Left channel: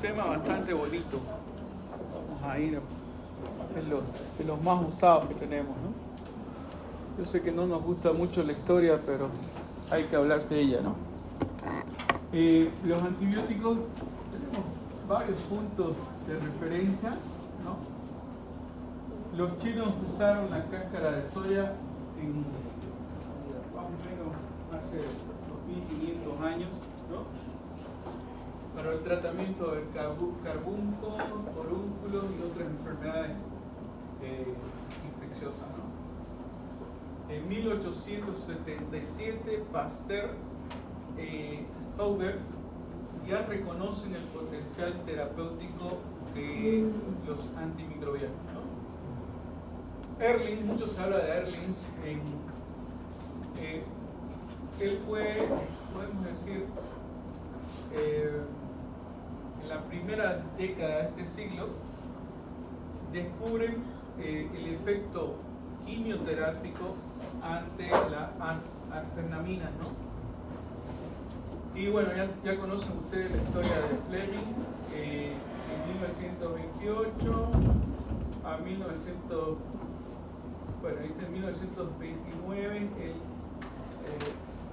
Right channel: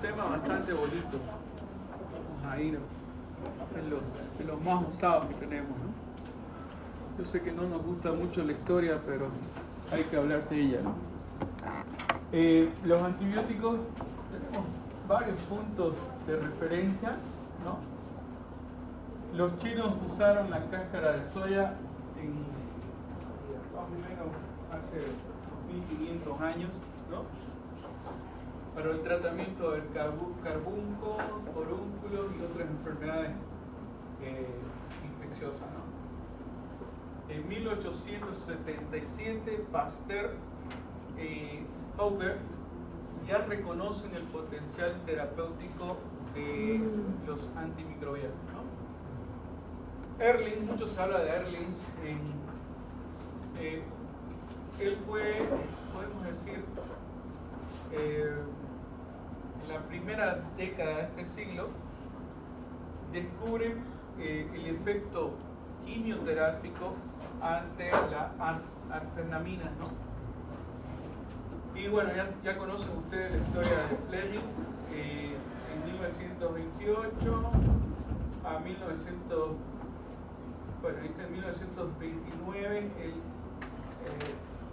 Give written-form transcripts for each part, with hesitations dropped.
tema bastante bonito. Vamos a ir en los más usados que tenemos, ¿no? Yo sé que no nos gusta mucho la historia, pero hay que hablar de ella, ¿no? Los antibióticos, tenemos varios puntos de referencia, ¿no? Los chinos usaron la cáscara de soya en más o menos hace 1500 años, ¿no? Para el tratamiento del carbunco, forúnculos y otras enfermedades infecciosas, ¿no? En 1877, Pasteur y Stauber ya reconocen el potencial terapéutico de los antimicrobianos, ¿no? Ehrlich, mucho se habla de Ehrlich, él fue, podemos decir, en la primera década de este siglo, descubren el efecto quimioterápico ante la arfenamina, ¿no? Y bueno, ya conocen ustedes la historia de Fleming, en 1928 a 1929, él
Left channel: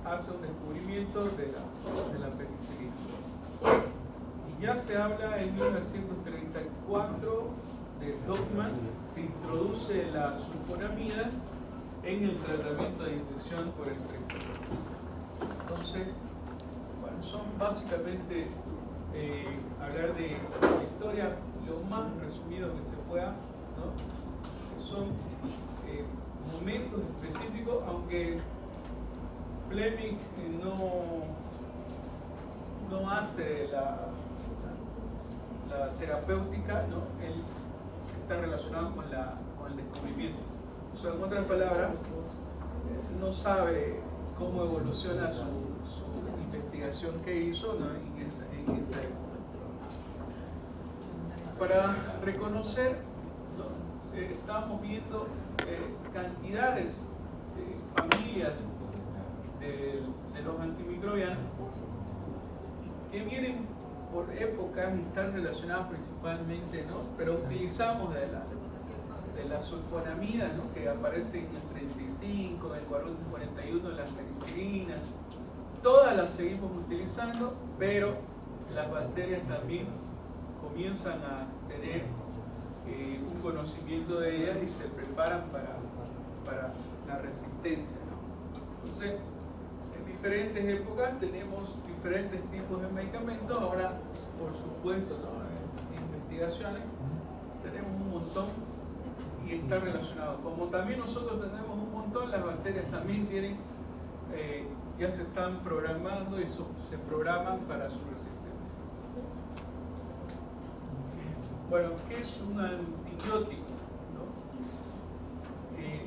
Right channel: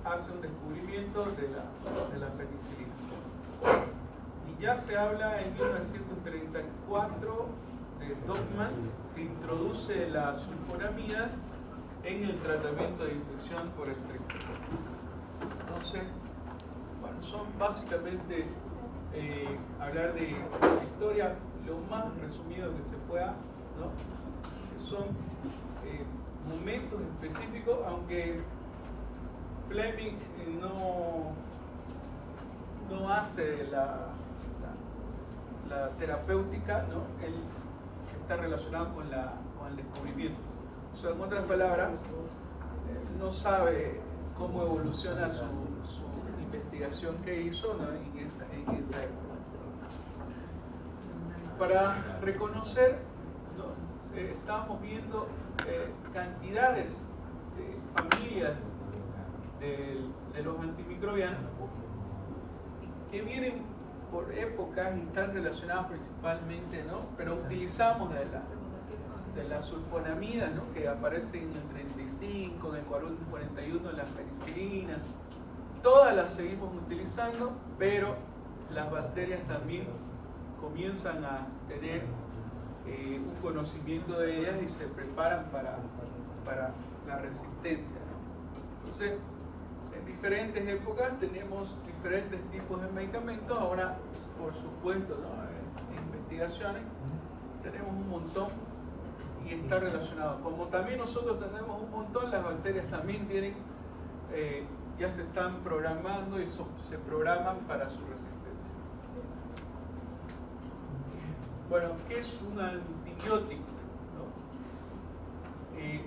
hace un descubrimiento de la penicilina. Y ya se habla en 1934 de Dogman, que introduce la sulfonamida en el tratamiento de infección por el trigo. Entonces, bueno, son básicamente hablar de la historia lo más resumido que se pueda, ¿no? Que son momentos específicos, aunque Fleming no hace la terapéutica, ¿no? Él está relacionado con el descubrimiento. O sea, en otras palabras, no sabe cómo evoluciona su investigación que hizo, ¿no? en esa época. Para reconocer, ¿no? Estábamos viendo cantidades de familias de los antimicrobianos que vienen por épocas y están relacionadas principalmente, ¿no? Pero utilizamos de la sulfonamida, ¿no? Que aparece en el 35, en el 41, las penicilinas. Todas las seguimos utilizando, pero las bacterias también comienzan a tener un conocimiento de ellas y se preparan para la resistencia, ¿no? Entonces, en diferentes épocas tenemos diferentes tipos de medicamentos. Ahora, por supuesto, ¿no? En investigaciones tenemos un montón y está relacionado. Como también nosotros tenemos un montón, las bacterias también tienen, ya se están programando y se programan para su resistencia. Bueno, ¿qué es un antibiótico?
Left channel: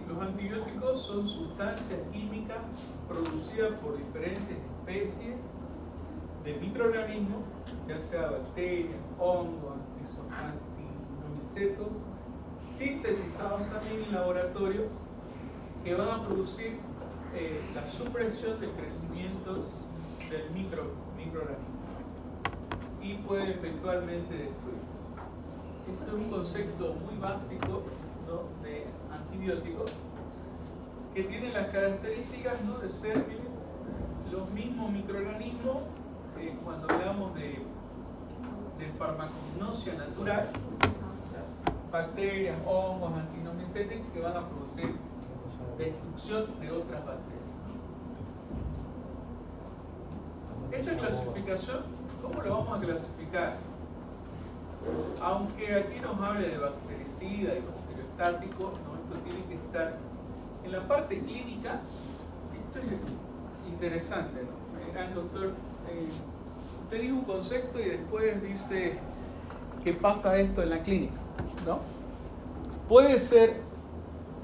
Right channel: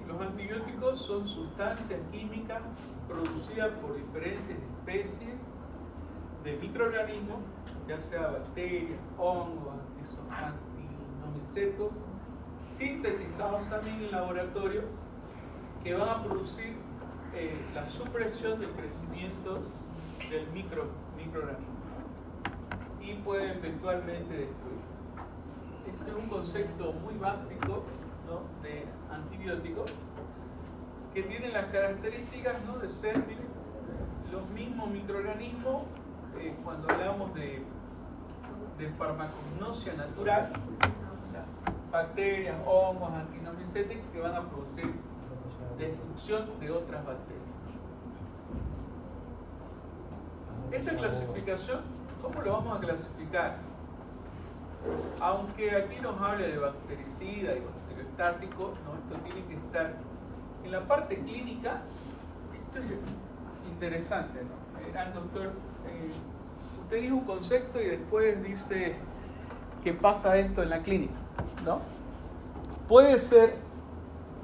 Los antibióticos son sustancias químicas producidas por diferentes especies de microorganismos, ya sea bacterias, hongos, actinomicetos, sintetizados también en laboratorio, que van a producir la supresión del crecimiento del microorganismo y pueden eventualmente destruir. Este es un concepto muy básico, ¿no? De antibióticos, que tienen las características, ¿no? De ser, miren, los mismos microorganismos. Cuando hablamos de farmacognosia natural, bacterias, hongos, actinomycetes, que van a producir destrucción de otras bacterias. Esta clasificación, ¿cómo lo vamos a clasificar? Aunque aquí nos habla de bactericida y bacteriostático, ¿no? Esto tiene que estar en la parte clínica. Esto es interesante, ¿no? Doctor, usted dice un concepto y después dice que pasa esto en la clínica, ¿no? Puede ser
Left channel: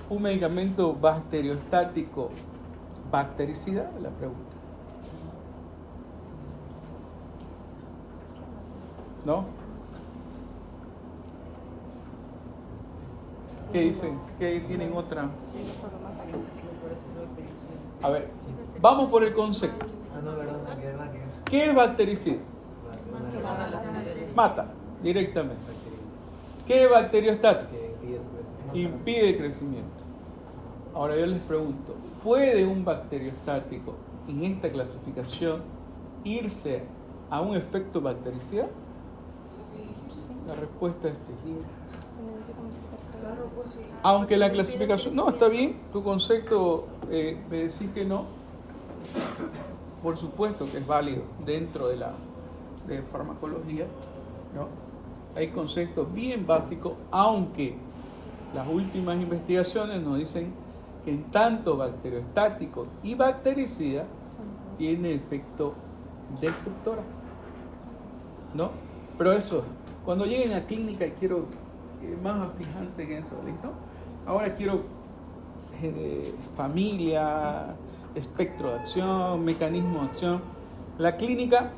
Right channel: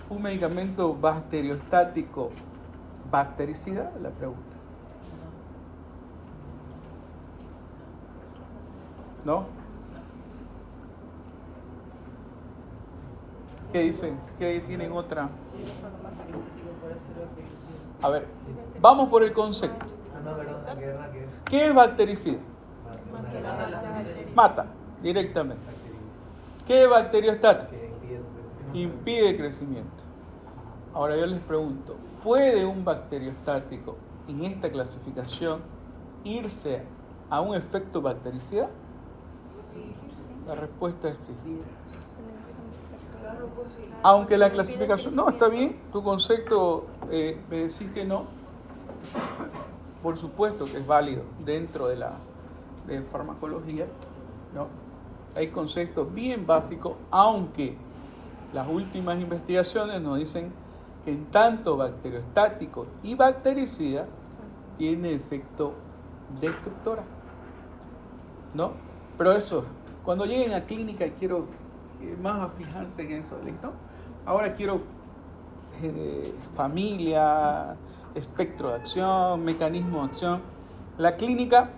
un medicamento bacteriostático bactericida, la pregunta, ¿no? ¿Qué dicen? ¿Qué tienen otra? A ver, vamos por el concepto. ¿Qué es bactericida? Mata directamente. ¿Qué bacteriostático? Impide el crecimiento. Ahora yo les pregunto, ¿puede un bacteriostático en esta clasificación irse a un efecto bactericida? La respuesta es sí. Aunque la clasificación... No, está bien, tu concepto me decís que no. Por supuesto que es válido dentro de la farmacología, ¿no? Hay conceptos bien básicos, aunque las últimas investigaciones nos dicen que en tanto bacteriostático y bactericida tiene efecto destructora, ¿no? Pero eso, cuando lleguen a clínica quiero más fijarse en eso, ¿listo? Ahora quiero familia, espectro de acción, mecanismo de acción. La clínica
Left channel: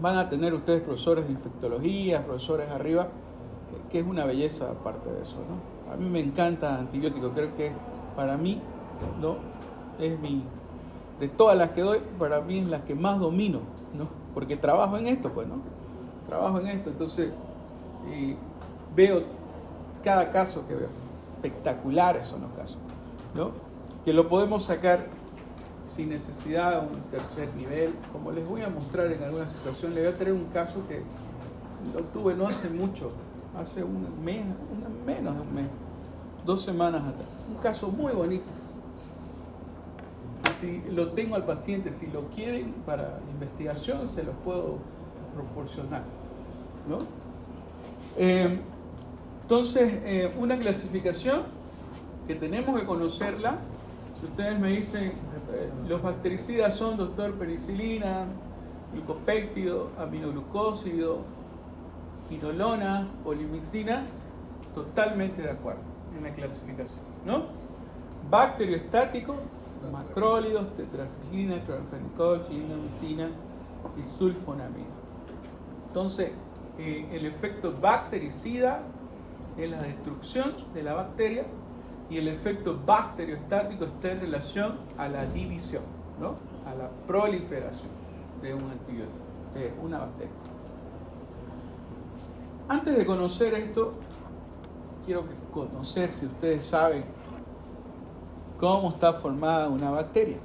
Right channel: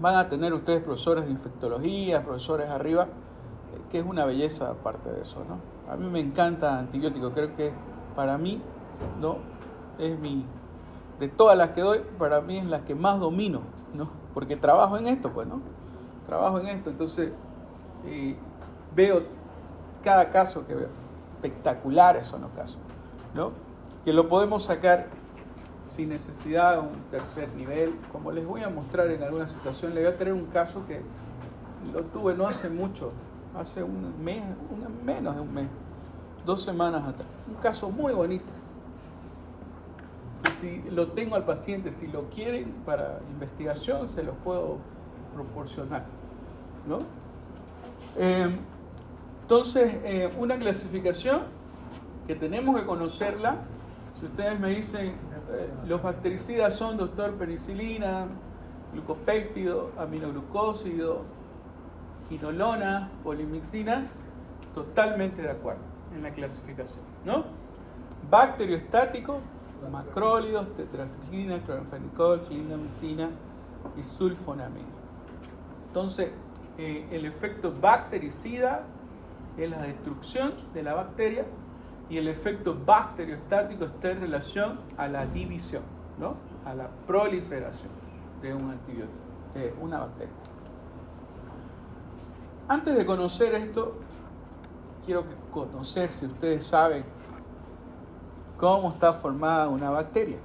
van a tener ustedes profesores de infectología, profesores arriba, que es una belleza aparte de eso, ¿no? A mí me encanta antibiótico, creo que para mí, ¿no? Es de todas las que doy, para mí es la que más domino, ¿no? Porque trabajo en esto, pues, ¿no? Trabajo en esto, entonces veo cada caso que veo. Espectaculares son los casos, ¿no? Que lo podemos sacar sin necesidad de un tercer nivel. Como les voy a mostrar en alguna situación, les voy a traer un caso que lo tuve no hace mucho, hace un mes, menos de un mes, 2 semanas atrás. Un caso muy bonito. Y si lo tengo al paciente, si lo quieren para investigación, se los puedo proporcionar, ¿no? Entonces, una clasificación que tenemos que conocerla. Si ustedes me dicen, los bactericidas son, doctor, penicilina, glucopéptido, aminoglucósido, quinolona, polimixina, totalmente de acuerdo en la clasificación, ¿no? Bacteriostático, macrólidos, tetraciclina, cloranfenicol, chilimicina y sulfonamida. Entonces, el efecto bactericida es la destrucción de la bacteria y el efecto bacteriostático está en relación a la división, ¿no? A la proliferación de un antibiótico, de una bacteria. Antes de conocer esto, quiero conocer si ustedes saben cómo está formada una bacteria.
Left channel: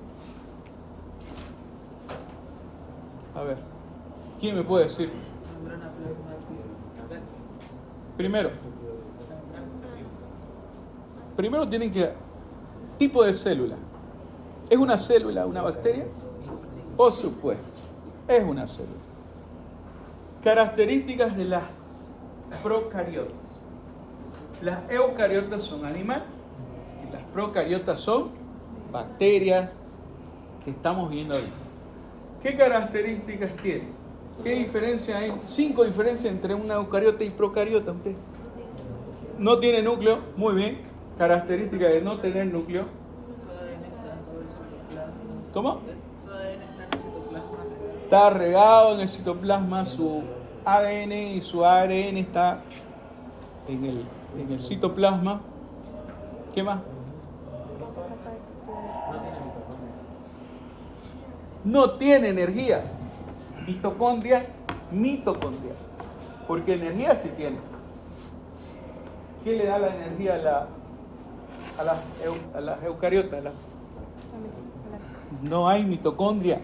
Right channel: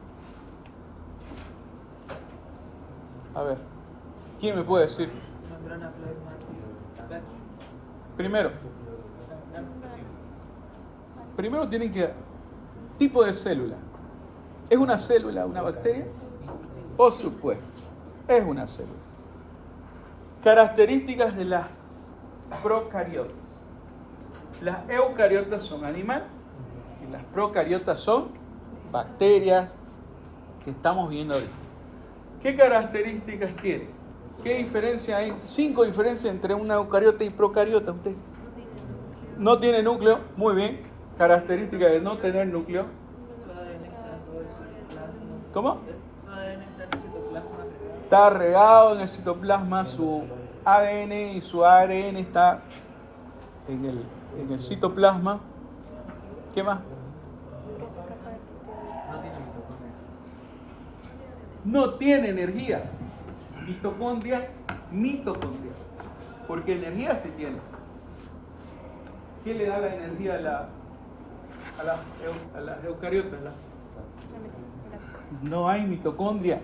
A ver, ¿quién me puede decir? Primero tienen que... Tipo de célula. ¿Es una célula una bacteria? Por supuesto, es una célula. Características de las procariotas. Las eucariotas son animales y las procariotas son bacterias que estamos viendo ahí. ¿Qué características tiene? ¿Qué diferencia hay? 5 diferencias entre una eucariota y procariota. ¿Usted? No tiene núcleo, muy bien. Característica de no tener núcleo. ¿Cómo? Está regado en el citoplasma, su ADN y su ARN está en el citoplasma. ¿Qué más? No tiene energía. Mitocondria. Porque energía sí tiene. ¿Qué le da la energía a las eucariotas? No hay mitocondria.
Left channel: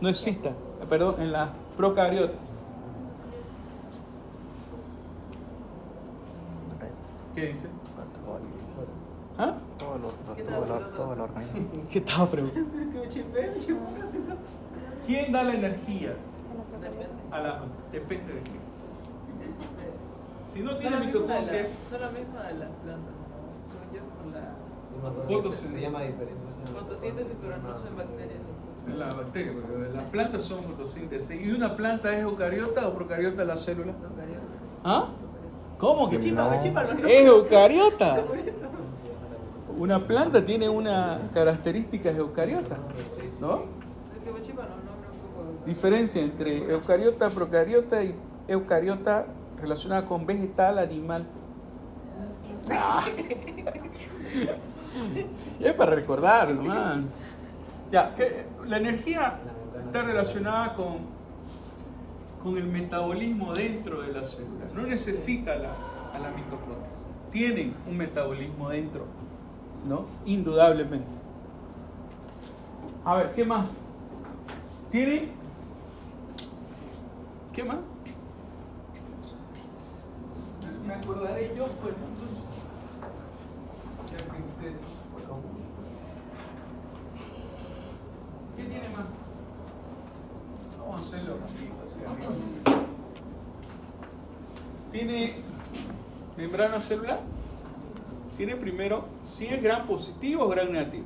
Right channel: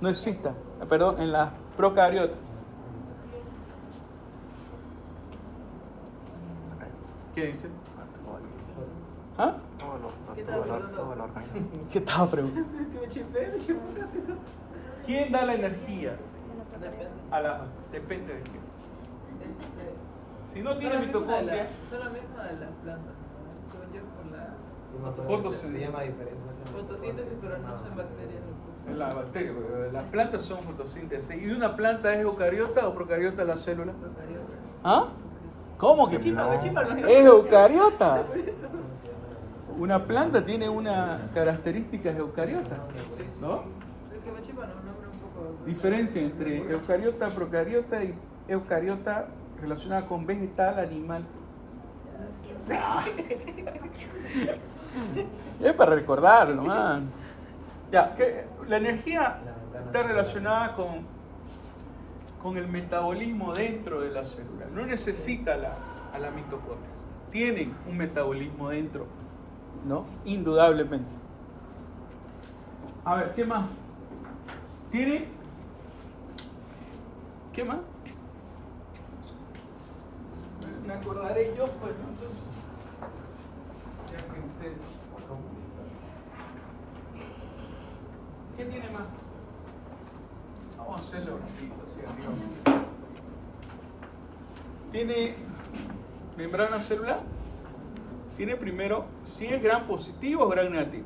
No exista. Perdón, en las procariotas. ¿Qué dice? ¿Ah? ¿Qué estaba preguntando? ¿Quién da la energía? Depende de quién. Si no tiene mitocondria, solamente a las plantas. Fotosíntesis. Fotosíntesis, pero no son bacterias. En la bacteria, porque las plantas son fotosíntesis. ¿Y una planta es eucariota o procariota la célula? ¿Ah? ¿Cómo que? ¿Es eucariota? Una planta tiene una característica eucariota, ¿no? Diferencia entre eucariota, procariota y eucariota relacionada con vegetal, animal. Es para recordar nomás. Ya, que la energía está relacionada con con el metabolismo dentro de la célula. No necesita a la mitocondria. Tienen un metabolismo dentro, ¿no? Indudablemente. A ver, ¿qué más? ¿Tiene? ¿Qué más? Me acordaré yo, pues, entonces. Ya que ustedes- ¿Qué tiene más? Vamos a hacerlo rapidito, así, amigos. Tiene membrana celular. Tiene primero si es gram positivo o gram negativo.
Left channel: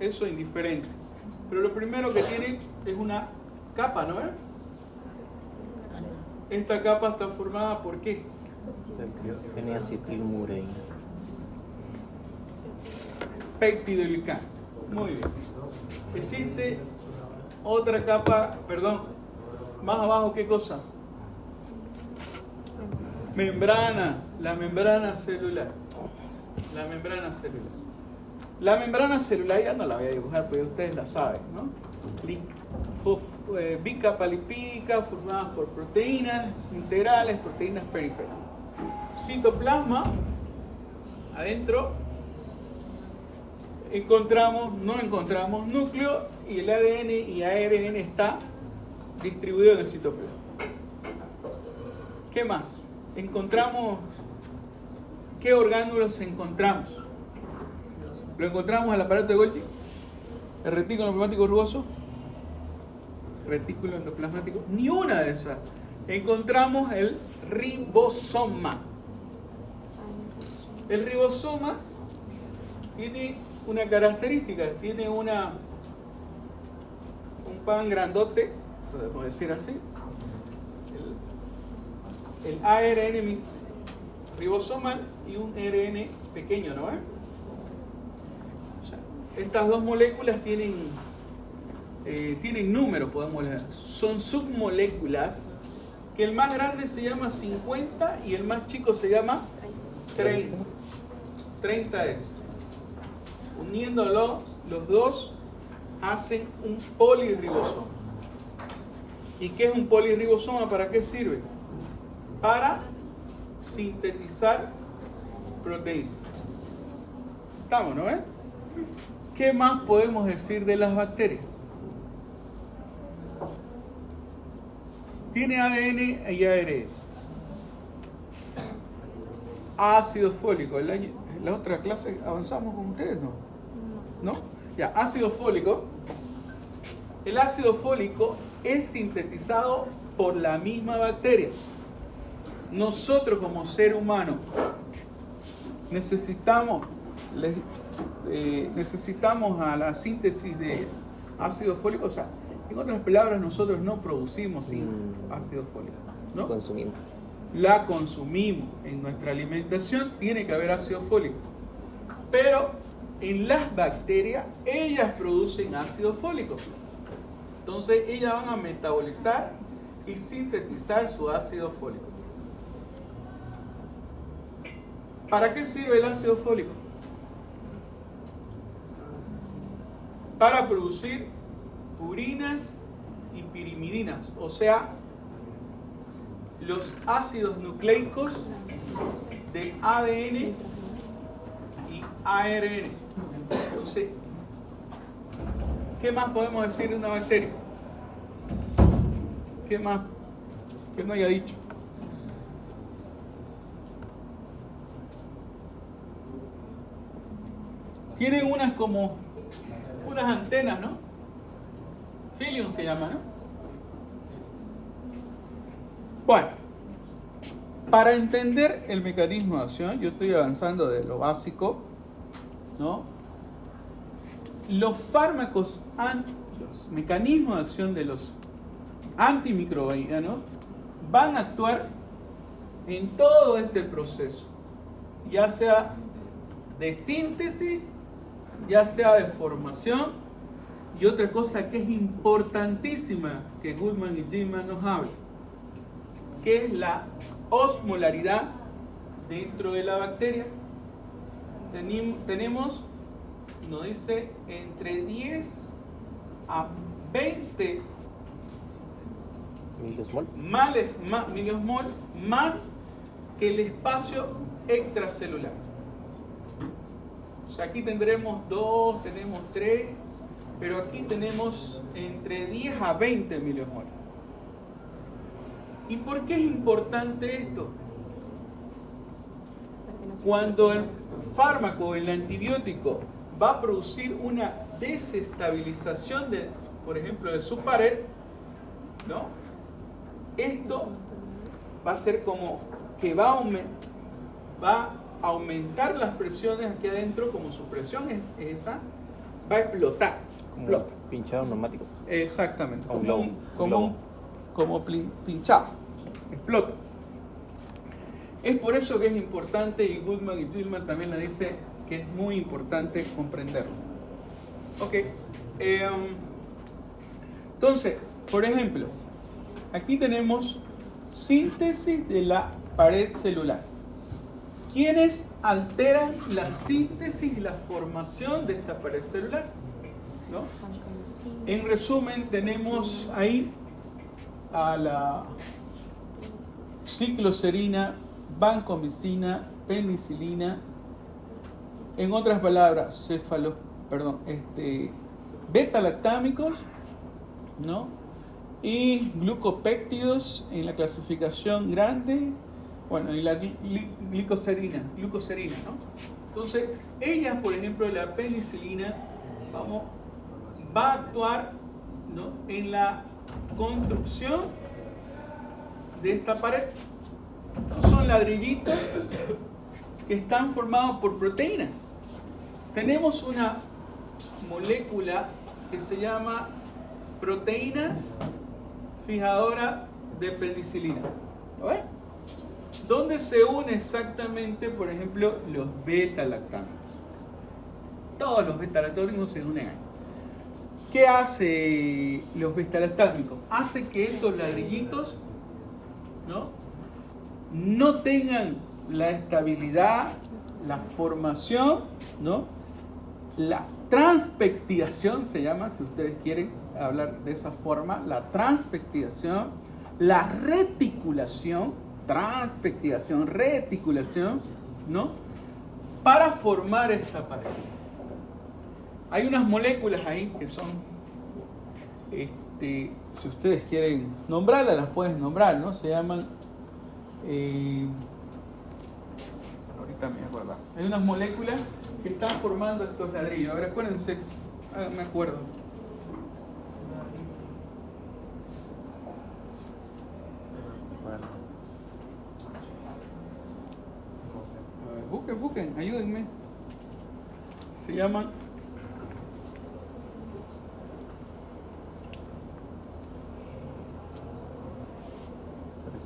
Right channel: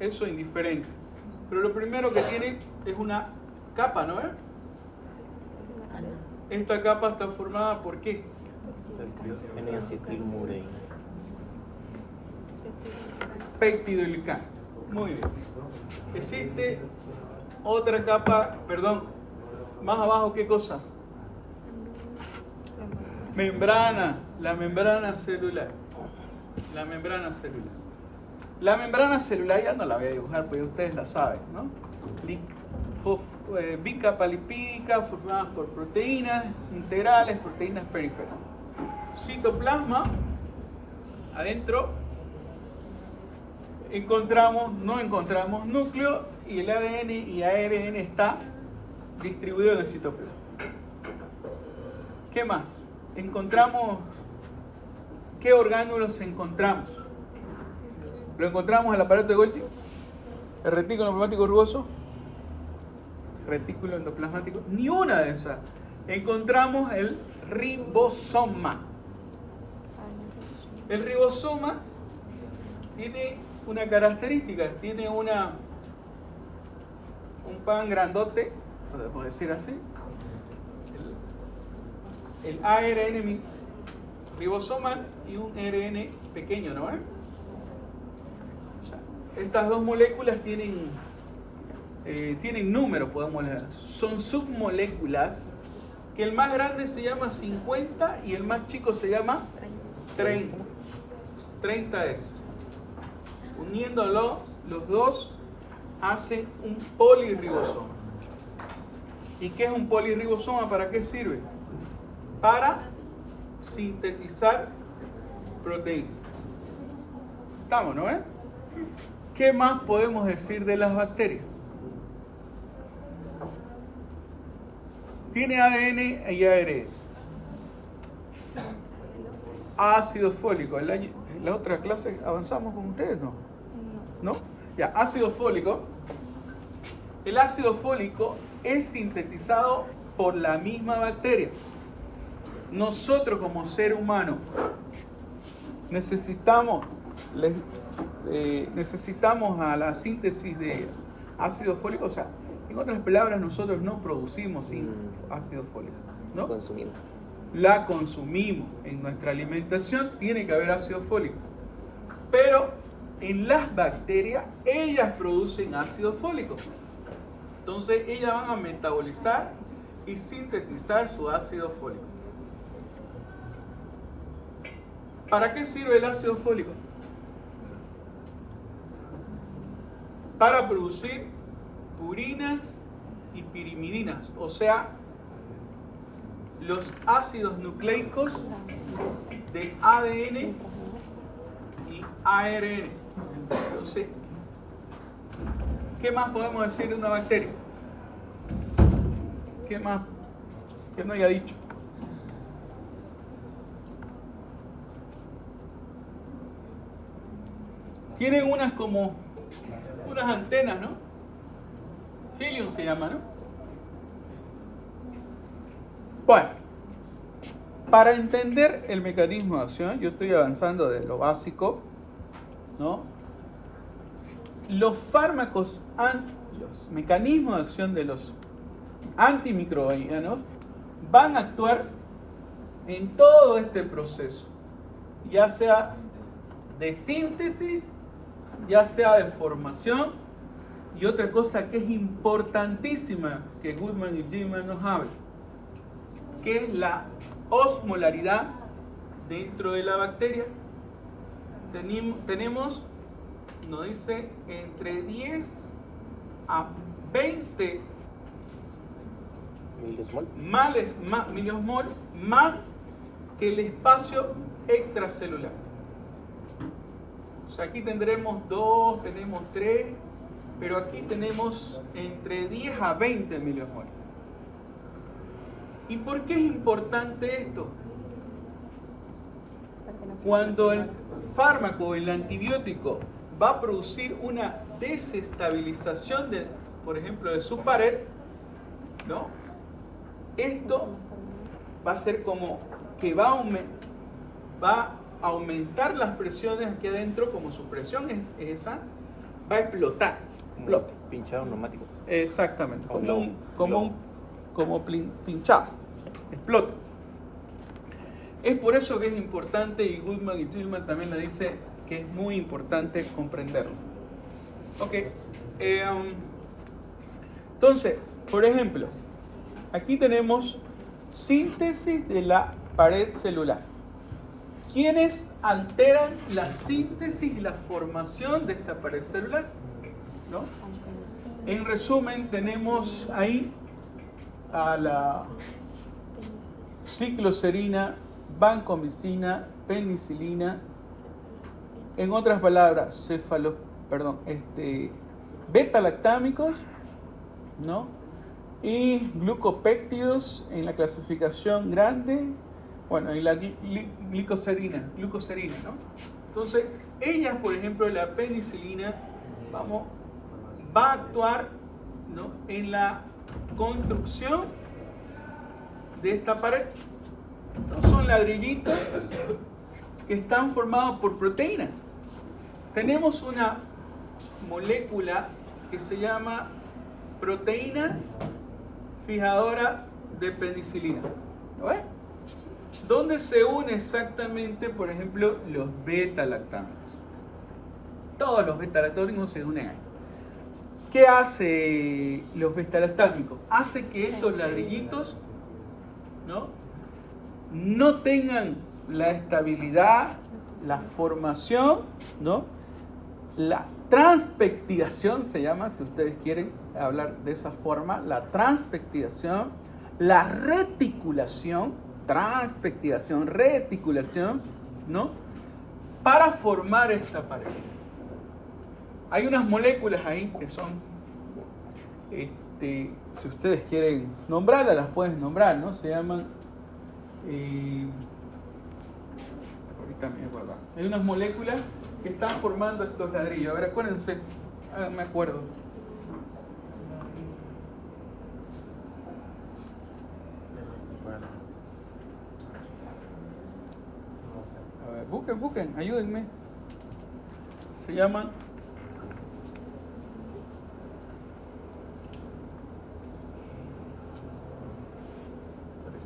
Eso es indiferente. Pero lo primero que tiene es una capa, ¿no? Esta capa está formada por qué? N-acetilmurina. Peptidoglicano. Muy bien. Existe otra capa, perdón, más abajo, ¿qué cosa? Membrana, la membrana celular. La membrana celular. La membrana celular ya no la voy a dibujar, porque ustedes la saben, ¿no? Bicapa lipídica formadas por proteínas integrales, proteínas periféricas. Citoplasma, adentro no encontramos núcleo y el ADN y ARN está distribuido en el citoplasma. ¿Qué más? ¿Qué orgánulos encontramos? Lo encontramos en el aparato de Golgi, el retículo endoplasmático rugoso, retículo endoplasmático, ni una de esas. Encontramos el ribosoma. El ribosoma tiene una característica, tiene un pan grandote, podemos decir así, el ARN ribosomal y un RN pequeño, ¿no? O sea, estas dos moléculas tienen números, podemos leer. Son submoléculas que el más grande se llama 50 y el más chico se llama 30. 30 es. Uniéndolo, los dos hacen un polirribosoma. ¿Y qué es un polirribosoma? ¿Para qué sirve? Para sintetizar proteínas. ¿Estamos, no? ¿Qué más podemos decir de las bacterias? Tiene ADN y ARN. Ácido fólico. En la otra clase avanzamos con ustedes, ¿no? ¿No? Ya, ácido fólico. El ácido fólico es sintetizado por la misma bacteria. Nosotros como ser humano necesitamos a la síntesis de ácido fólico, o sea, en otras palabras, nosotros no producimos ácido fólico, ¿no? Consumimos. La consumimos. En nuestra alimentación tiene que haber ácido fólico. Pero en las bacterias, ellas producen ácido fólico. Entonces, ellas van a metabolizar y sintetizar su ácido fólico. ¿Para qué sirve el ácido fólico? Para producir purinas y pirimidinas, o sea, los ácidos nucleicos de ADN y ARN. Entonces, ¿qué más podemos decir de una bacteria? ¿Qué más que no haya dicho? Tienen unas antenas, ¿no? Filium se llama, ¿no? Bueno, para entender el mecanismo de acción, yo estoy avanzando de lo básico, ¿no? Los fármacos, los mecanismos de acción de los antimicrobianos van a actuar en todo este proceso, ya sea de síntesis, ya sea de formación, y otra cosa que es importantísima que Goodman y Gilman nos hablan, que es la osmolaridad dentro de la bacteria. Tenemos, nos dice, entre 10 a 20 Miliosmol más que el espacio extracelular. O sea, aquí tendremos 2, tenemos 3, pero aquí tenemos entre 10 a 20 miliosmol. ¿Y por qué es importante esto? Cuando el fármaco, el antibiótico, va a producir una desestabilización, por ejemplo, de su pared, ¿no? Esto va a ser como que va a aumentar las presiones aquí adentro, como su presión es esa, va a explotar. Explota. Pinchado neumático. Exactamente, como pinchado. Explota. Es por eso que es importante, y Goodman y Tillman también lo dice, que es muy importante comprenderlo. Ok. Entonces, por ejemplo, aquí tenemos síntesis de la pared celular. ¿Quiénes alteran la síntesis y la formación de esta pared celular? ¿No? En resumen, tenemos ahí a la cicloserina, vancomicina, penicilina, en otras palabras, beta-lactámicos, ¿no? Y glucopéptidos en la clasificación grande, bueno, y la glucoserina, ¿no? Entonces, ellas, por ejemplo, la penicilina, va a actuar, ¿no?, en la construcción de esta pared. ¿No? Son ladrillitos que están formados por proteínas. Tenemos una molécula que se llama proteína fijadora de penicilina. ¿Lo ves? ¿Dónde se une exactamente, por ejemplo, los beta-lactámicos? Todos los beta-lactámicos se unen ahí. ¿Qué hace los beta-lactámicos? Hace que estos ladrillitos, no tengan la estabilidad, la formación, ¿no? La transpectiación se llama, si ustedes quieren hablar de esa forma, la transpectiación, la reticulación, ¿no?, para formar esta pared. Hay unas moléculas ahí que son, si ustedes quieren nombrarlas, las pueden nombrar, ¿no? Se llaman, ahorita me acuerdo. Hay unas moléculas que están formando estos ladrillos. A ver, acuérdense, me acuerdo. A ver, busquen, ayúdenme. Se llaman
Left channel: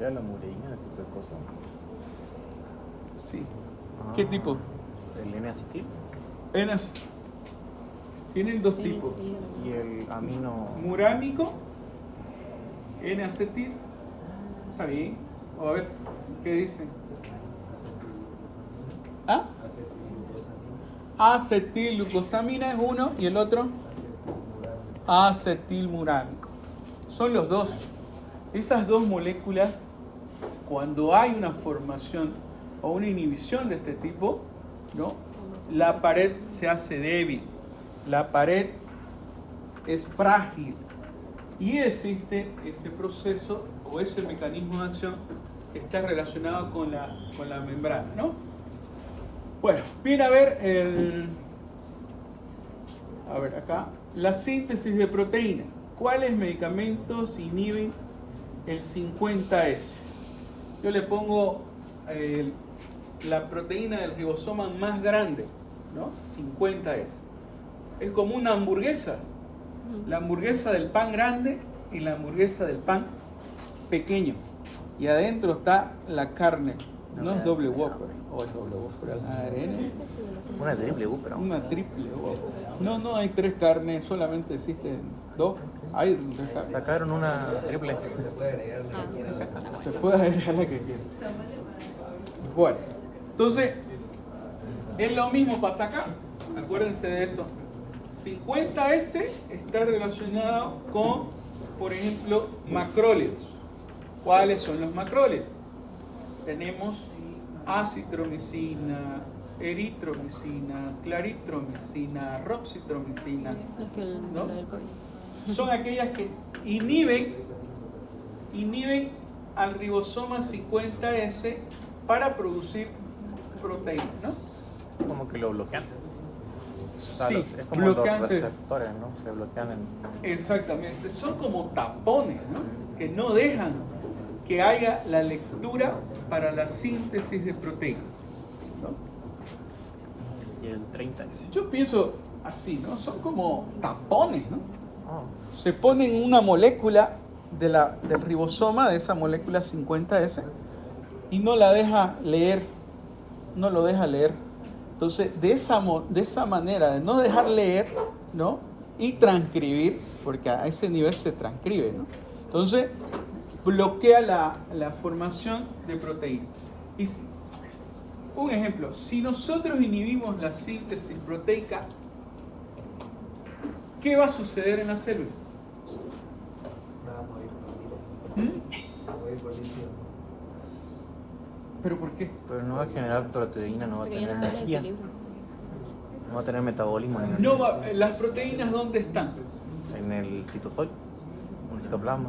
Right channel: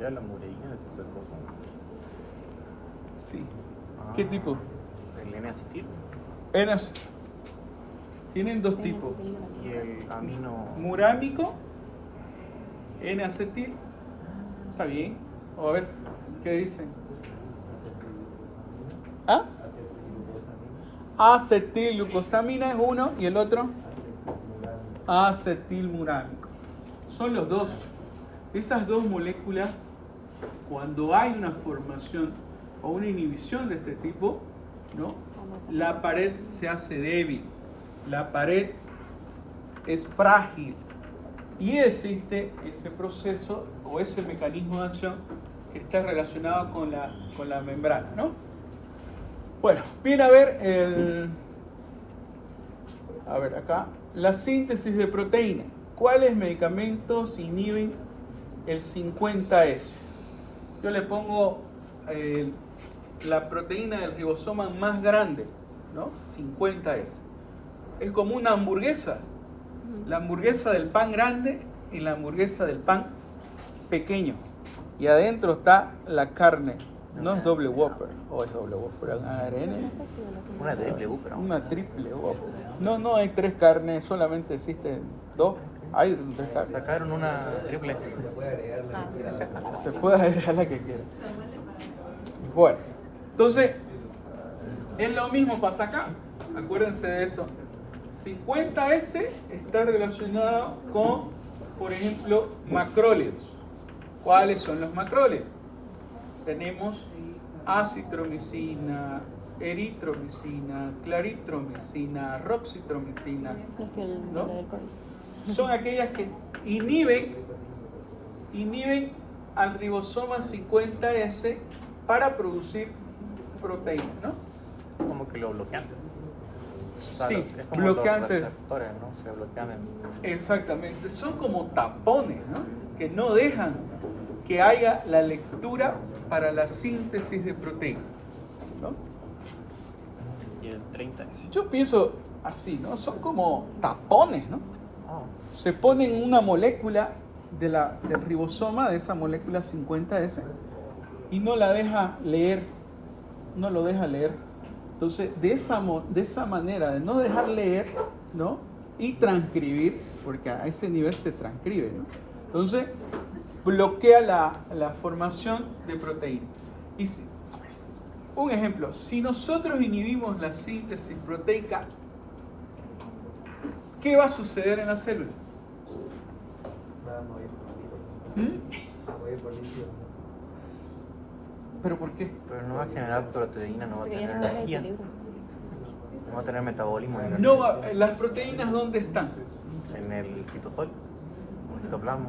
La mureína, ¿qué es la cosa? Sí. ¿Qué tipo? El N-acetil. Tienen dos tipos. Y el amino. Murámico, N-acetil. Está bien. A ver, ¿qué dicen? ¿Ah? Acetilglucosamina es uno y el otro acetilmurámico. Son los dos. Esas dos moléculas, cuando hay una formación o una inhibición de este tipo, ¿no?, la pared se hace débil, la pared es frágil y existe ese proceso o ese mecanismo de acción que está relacionado con la membrana, ¿no? Bueno, viene a ver acá, la síntesis de proteína. ¿Cuáles medicamentos inhiben el 50S? Yo le pongo la proteína del ribosoma más grande, ¿no? 50S. Es como una hamburguesa. La hamburguesa del pan grande y la hamburguesa del pan pequeño. Y adentro está la carne. No es doble Whopper. O es doble Whopper. ARN. Una triple Whopper. No hay 3 carnes, solamente existen 2. Hay 3 carnes. Sacaron una triple. Se puede agregar la que quiera. Se puede agregar la que quiera. Bueno, entonces, es lo mismo pasa acá. Acuérdense de eso. 50S está relacionado con, por ejemplo, macrólidos. ¿Cuáles son los macrólidos? Tenemos acitromicina, eritromicina, claritromicina, roxitromicina. Los que ¿No? lo del COVID. Son aquellas que inhiben al ribosoma 50S para producir proteínas, ¿no? Como que lo bloquean. Sí, Es como bloqueantes. los receptores, ¿no? Se bloquean Exactamente, son como tapones, ¿no? Que no dejan que haya la lectura para la síntesis de proteínas, ¿no? y el 30 es. Yo pienso así, ¿no? Son como tapones, ¿no? Oh, Se ponen una molécula del ribosoma, de esa molécula 50S, y no la deja leer, no lo deja leer. Entonces, de esa manera, de no dejar leer, ¿no? Y transcribir, porque a ese nivel se transcribe, ¿no? Entonces, bloquea la formación de proteínas. Y un ejemplo, si nosotros inhibimos la síntesis proteica, ¿qué va a suceder en la célula? Va a morir ¿Mm? Va a morir por litio. ¿Pero por qué? pero no va a generar proteína, no va a Porque ya tener no va a haber energía, equilibrio. no va a tener metabolismo No ¿las proteínas dónde están? en el citosol, en el citoplasma.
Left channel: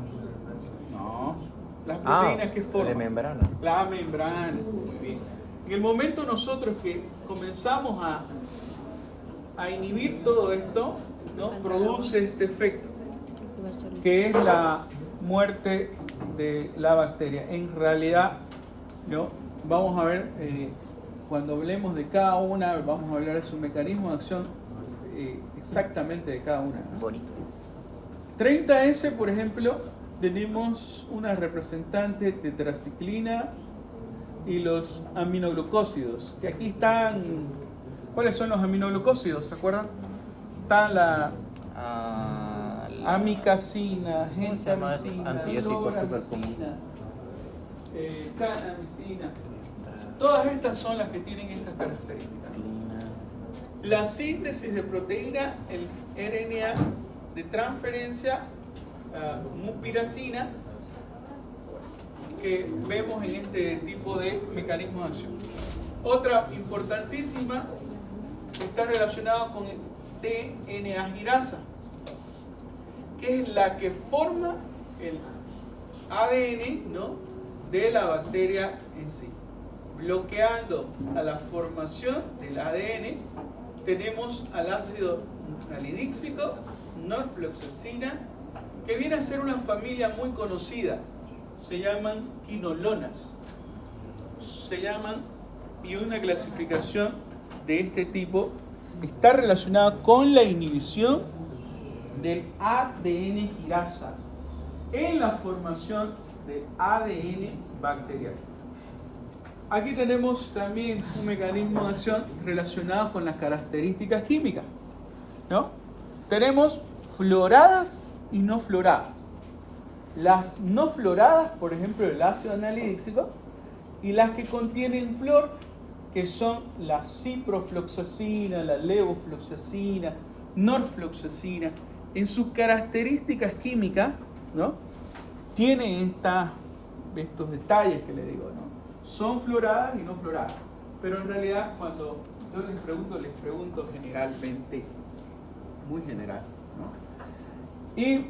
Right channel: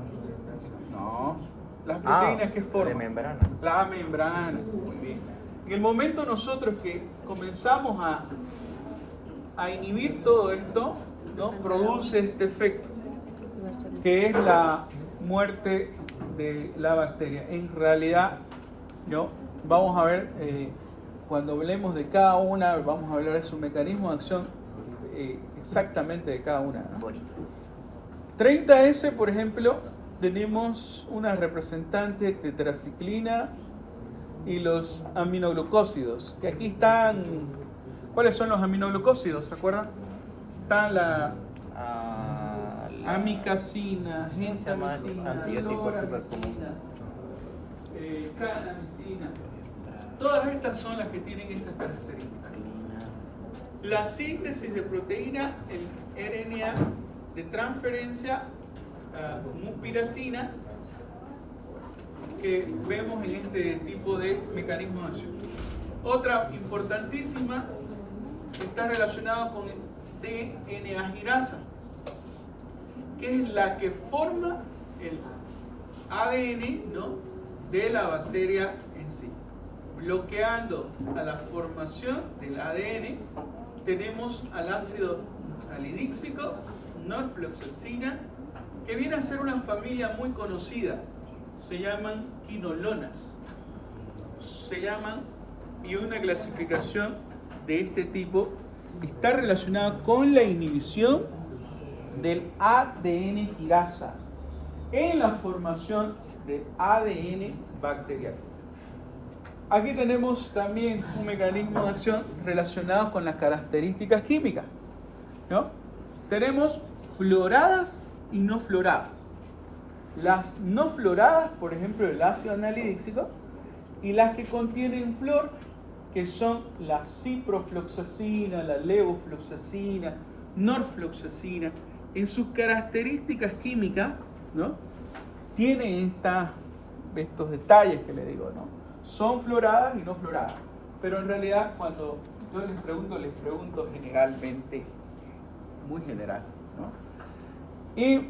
No, las proteínas que La forman. membrana. La membrana. Muy bien. En el momento nosotros que comenzamos a inhibir todo esto, ¿no? Produce este efecto, Igual solo. que es la muerte de la bacteria. En realidad, ¿no? Vamos a ver, cuando hablemos de cada una, vamos a hablar de su mecanismo de acción exactamente de cada una, ¿no? Bonito. 30S, por ejemplo, tenemos una representante tetraciclina y los aminoglucósidos, que aquí están. ¿Cuáles son los aminoglucósidos? ¿Se acuerdan? Está la amicacina, ¿Cómo se llama? gentamicina, Antibiótico loramicina, canamicina. Todas estas son las que tienen estas características. La síntesis de proteína, el RNA de transferencia, mupiracina, que vemos en este tipo de mecanismo de acción. Otra importantísima está relacionada con el DNA girasa, que es la que forma el ADN, ¿no? de la bacteria en sí. Bloqueando a la formación del ADN, tenemos al ácido nucleodíxico, norfloxacina, que viene a ser una familia muy conocida. Se llaman quinolonas. Y una clasificación de este tipo está relacionada con la inhibición del ADN girasa en la formación del ADN bacterial. Aquí tenemos también un mecanismo de acción relacionado con las características químicas, ¿no? Tenemos floradas y no floradas. Las no floradas, por ejemplo, el ácido anhidríxico, y las que contienen flor, que son la ciprofloxacina, la levofloxacina, norfloxacina. En sus características químicas, ¿no? Tienen estos detalles que le digo, ¿no? Son floradas y no floradas. Pero en realidad, cuando yo les pregunto generalmente, muy general, ¿no? ¿Y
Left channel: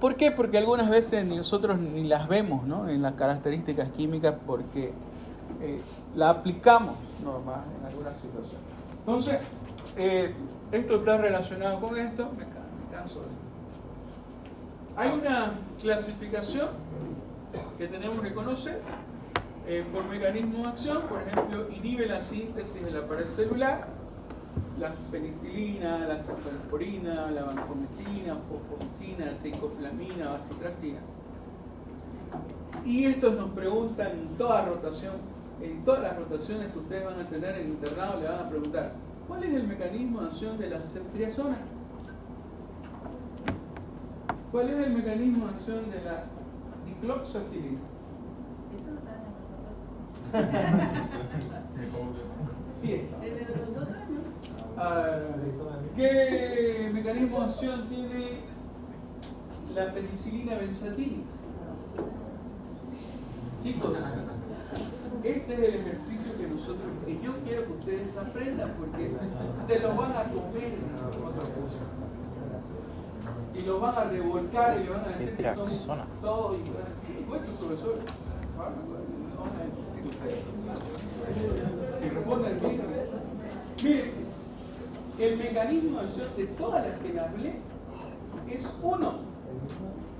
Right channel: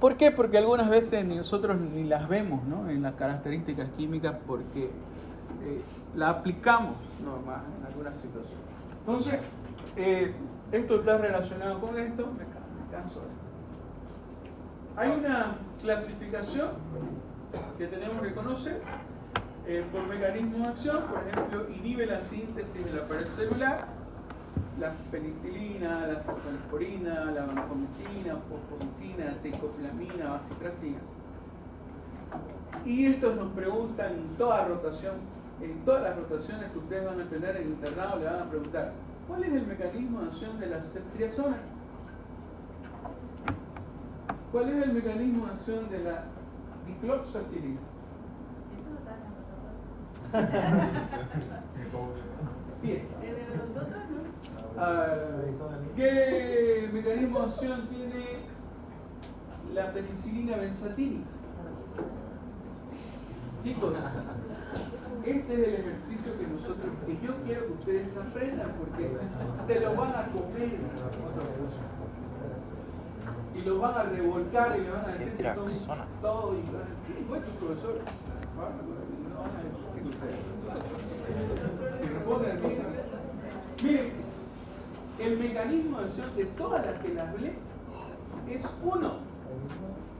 por qué? Porque algunas veces nosotros ni las vemos, ¿no? En las características químicas, porque la aplicamos normal en algunas situaciones. Entonces, esto está relacionado con esto. Me canso de esto. Hay una clasificación que tenemos que conocer por mecanismo de acción. Por ejemplo, inhibe la síntesis de la pared celular, la penicilina, la cefalexporina, la vancomicina, fosfomicina, tecoflamina, bacitracina. Y estos nos preguntan en toda rotación, en todas las rotaciones que ustedes van a tener en internado, le van a preguntar: ¿cuál es el mecanismo de acción de la ceftriaxona? ¿Cuál es el mecanismo de acción de la dicloxacilina? Sí. ¿Qué mecanismo de acción tiene la penicilina benzatínica? Chicos, este es el ejercicio que yo quiero que ustedes aprendan, porque se lo van a comer otra cosa. Y lo van a revolcar y le van a decir que son todo igual. Sí, fue tu profesor. Si responden bien. Miren, el mecanismo de acción de todas las que les hablé es uno.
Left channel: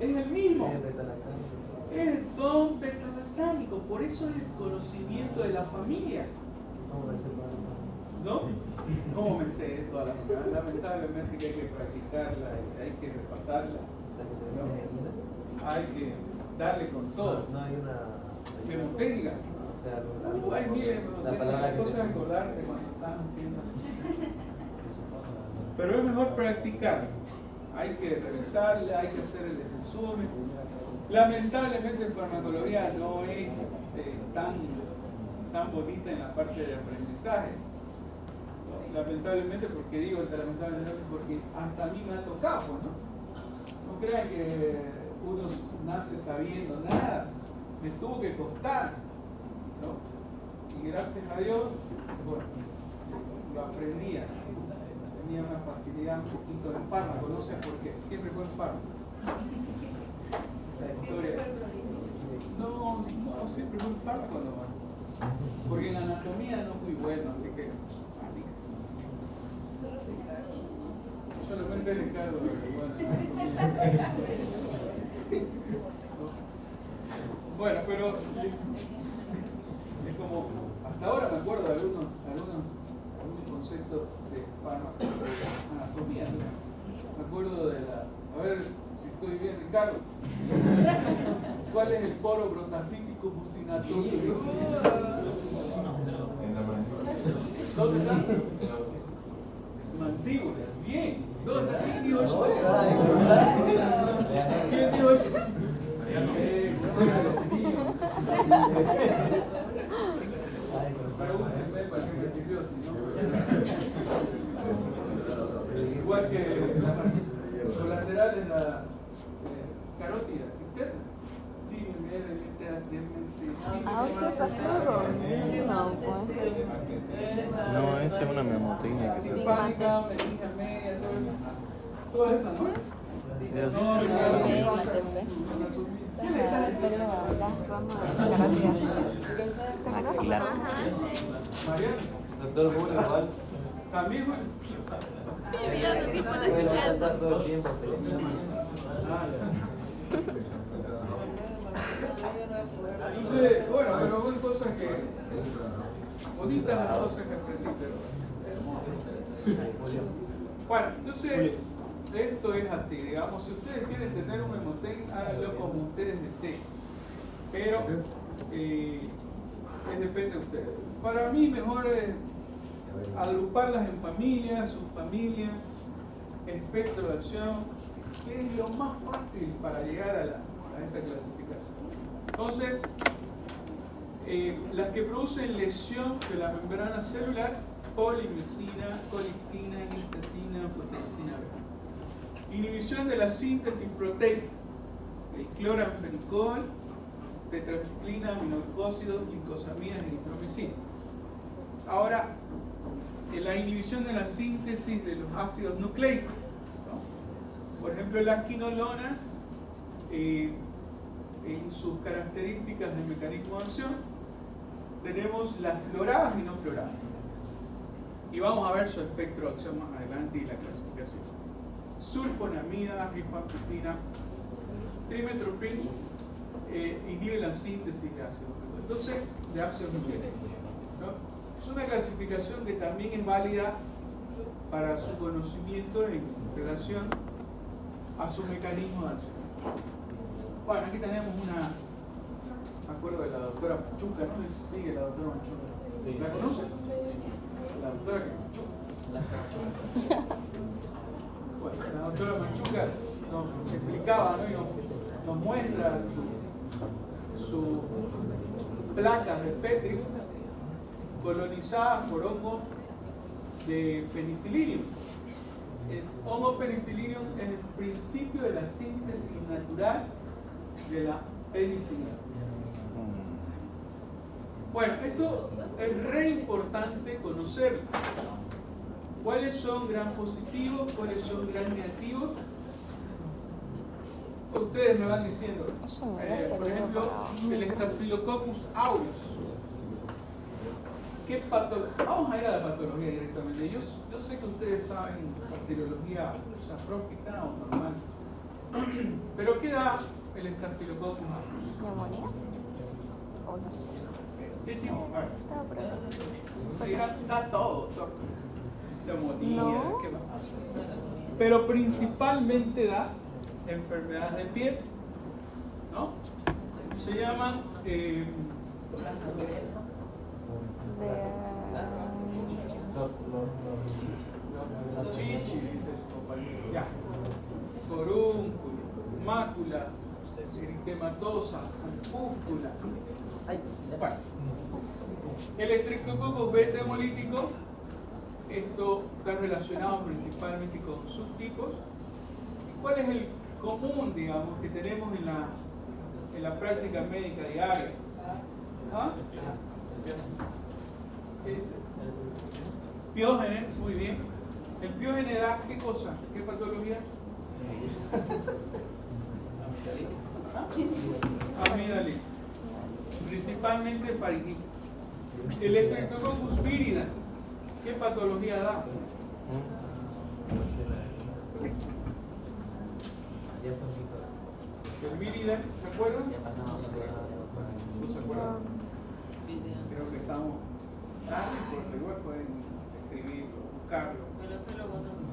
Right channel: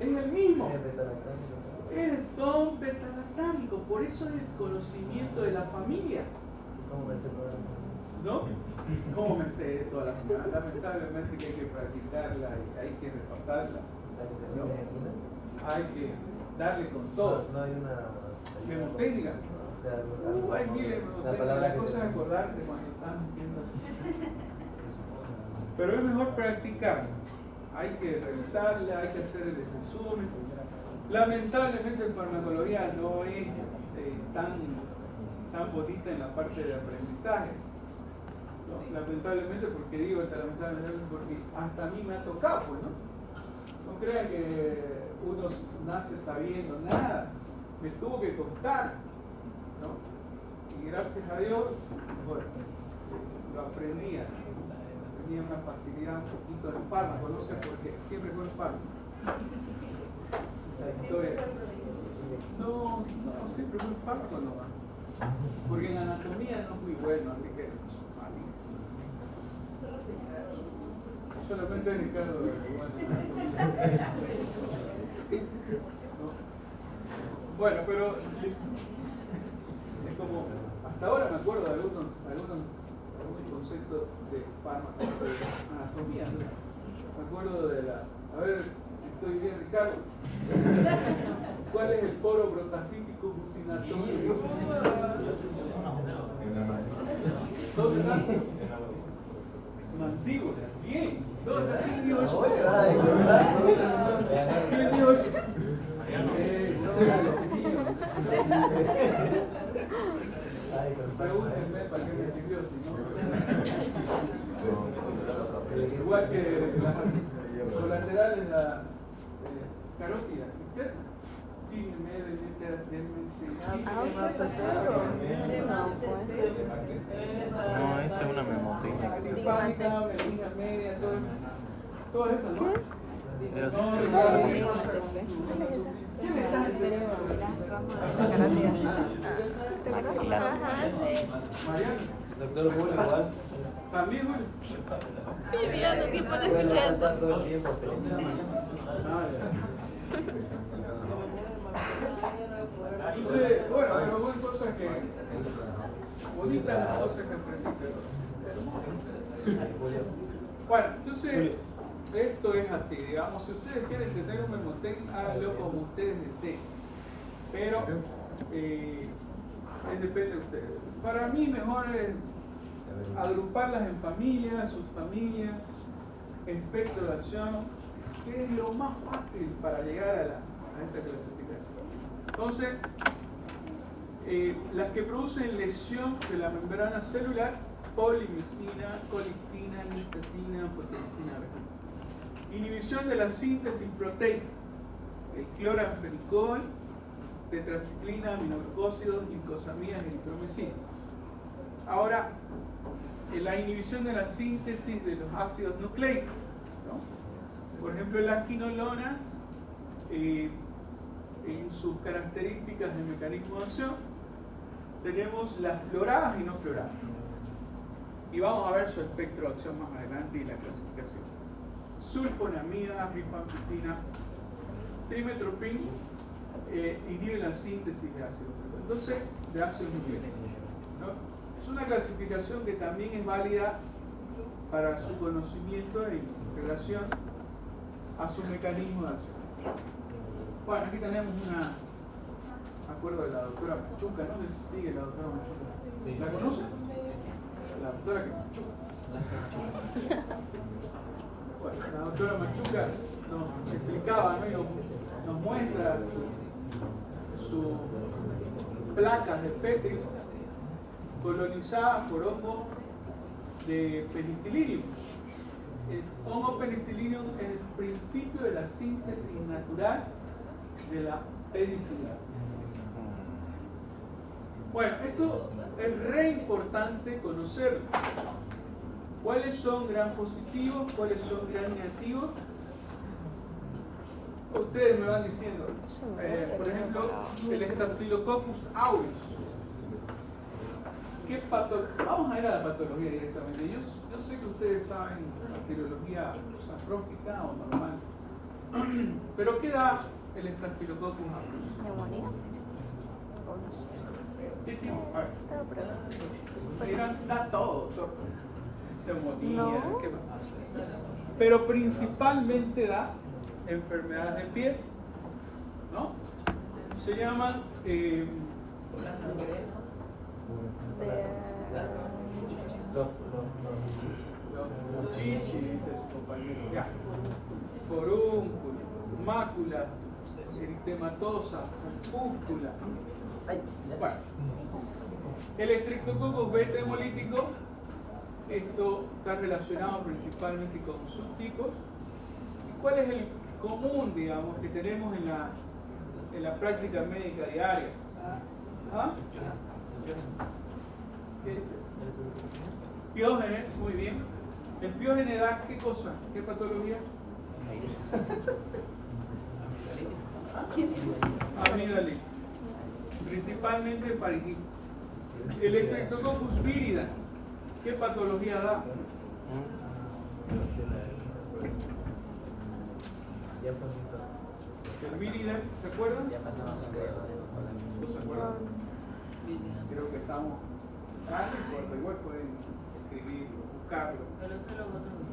Es el mismo. Es don beta-lactámico. Por eso es el conocimiento de la familia. ¿No? ¿Cómo me sé toda la familia? Lamentablemente que hay que practicarla, hay que repasarla. ¿No? Hay que darle con todo. Mnemotécnica. Hay miles de mnemotécnicas. La cosa es acordar que cuando están haciendo. Pero es mejor practicar. Hay que revisarla, hay que hacer el resumen. Lamentablemente en farmacología no es tan bonita en la parte de aprendizaje. Lamentablemente, porque digo lamentablemente porque hasta a mí me ha tocado, pues, ¿no? No crean que uno nace sabiendo nada, me tuvo que costar, ¿no? Y gracias a Dios, bueno, lo aprendía. Tenía una facilidad un poquito del fármaco, no sé por qué, siempre fue un fármaco. La historia. No, siempre fue un fármaco nomás. Porque en la anatomía no es muy bueno, así que malísimo. Solamente Ricardo bueno, pero es como, hasta ahora me acuerdo de algunos conceptos de fármaco, de anatomía, ¿no? Me acuerdo de a ver si estoy bien, Ricardo. ¿Cuál es el poro protafítico bucinatorio? ¿Dónde está? Su mandíbula. Bien. ¿Dónde está? ¿Quién dijo eso? ¿Quién dijo eso? Pregúntenme para qué me sirvió, si no. Igual que la colateral en la carótida. No, esa es una mnemotécnica que se usa. Pánica, medina media, todo eso, ¿no? Doctor Bull, igual. También, bueno. Mi vida no tiempo de escuchar eso. Todo el tiempo. Entonces, bueno, pero son cosas que bonitas las cosas que aprendí, pero bueno, entonces esto es así, digamos, si ustedes quieren tener un memotécnico, háganlo como ustedes deseen, pero depende de ustedes. Para mí mejor es agruparlas en familias, subfamilias, espectro de acción, que es lo más fácil para llegar a esta clasificación. Entonces, las que producen lesión de la membrana celular, polimicina, colistina, histatina, fotolicina. Inhibición de la síntesis proteica, el cloranfenicol, tetraciclina, aminoglucósidos, glicosamidas y nitromicina. Ahora, la inhibición de la síntesis de los ácidos nucleicos, ¿no? Por ejemplo, las quinolonas, en sus características de mecanismo de acción, tenemos las floradas y no floradas. Y vamos a ver su espectro de acción más adelante y la clasificación. Sulfonamida, rifampicina, trimetoprim, inhibe la síntesis de ácidos. Entonces, de ácidos nucleicos, ¿no? Es una clasificación que también es válida para su conocimiento en relación a su mecanismo de acción. Bueno, aquí tenemos me acuerdo de la doctora Machuca, ¿no? Sigue la doctora Machuca. Sí. ¿La conocen? La doctora Machuca. Bueno, la doctora Machuca nos explicaba, ¿no? Y nos muestra sus placas de Petri colonizadas por hongos de penicillium. Hongo penicillium es el principio de la síntesis natural de la penicilina. Bueno, esto es re importante conocerlo. ¿Cuáles son gran positivos? ¿Cuáles son gran negativos? Ustedes me van diciendo. Por ejemplo, el Staphylococcus aureus. ¿Qué patología? Vamos a ir a la patología directamente. Yo sé que ustedes saben bacteriología safrófica o normal. Pero ¿qué da el Staphylococcus aureus? ¿Qué tipo? A ver. Ustedes dirán, da todo, doctor. Neumonía, ¿qué más? Pero principalmente da enfermedades de piel, ¿no? Se llama chichis, dice su compañero. Ya. Forúnculo, mácula, eritematosa, pústula. Bueno. El Streptococcus beta hemolítico, esto está relacionado principalmente con subtipos. ¿Cuál es el común, digamos, que tenemos en la práctica médica diaria? ¿Ah? ¿Qué es? Piógenes, muy bien. ¿El piógene da qué cosa? ¿Qué patología? ¿Ah? Amigdalitis. Principalmente faringitis. El Streptococcus vírida, ¿qué patología da? El vírida, ¿se acuerdan? ¿No se acuerdan? Creo que estamos. Ah, no importa, igual pueden escribirlo, buscarlo. Pero eso lo consumo.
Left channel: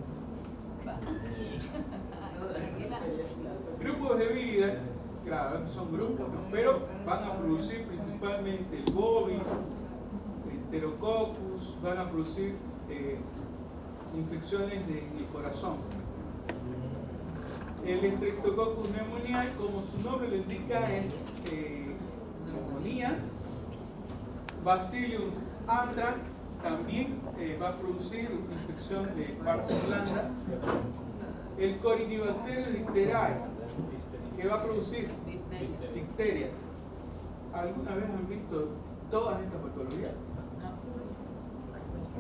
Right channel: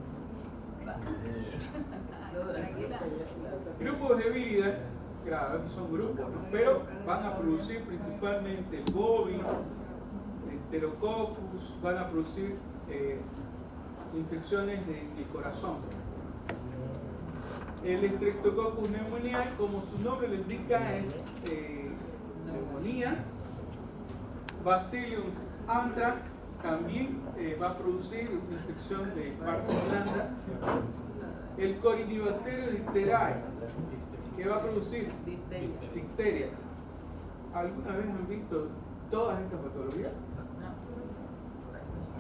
Grupos de vírida, claro, son grupos, ¿no? Pero van a producir principalmente el bovis, el Enterococcus, van a producir infecciones del corazón. El Streptococcus pneumoniae, como su nombre lo indica, es neumonía. Bacillus anthrax también va a producir infección de parto blanda. El Corynebacterium diftheriae, que va a producir difteria. ¿Alguna vez han visto todas estas patologías?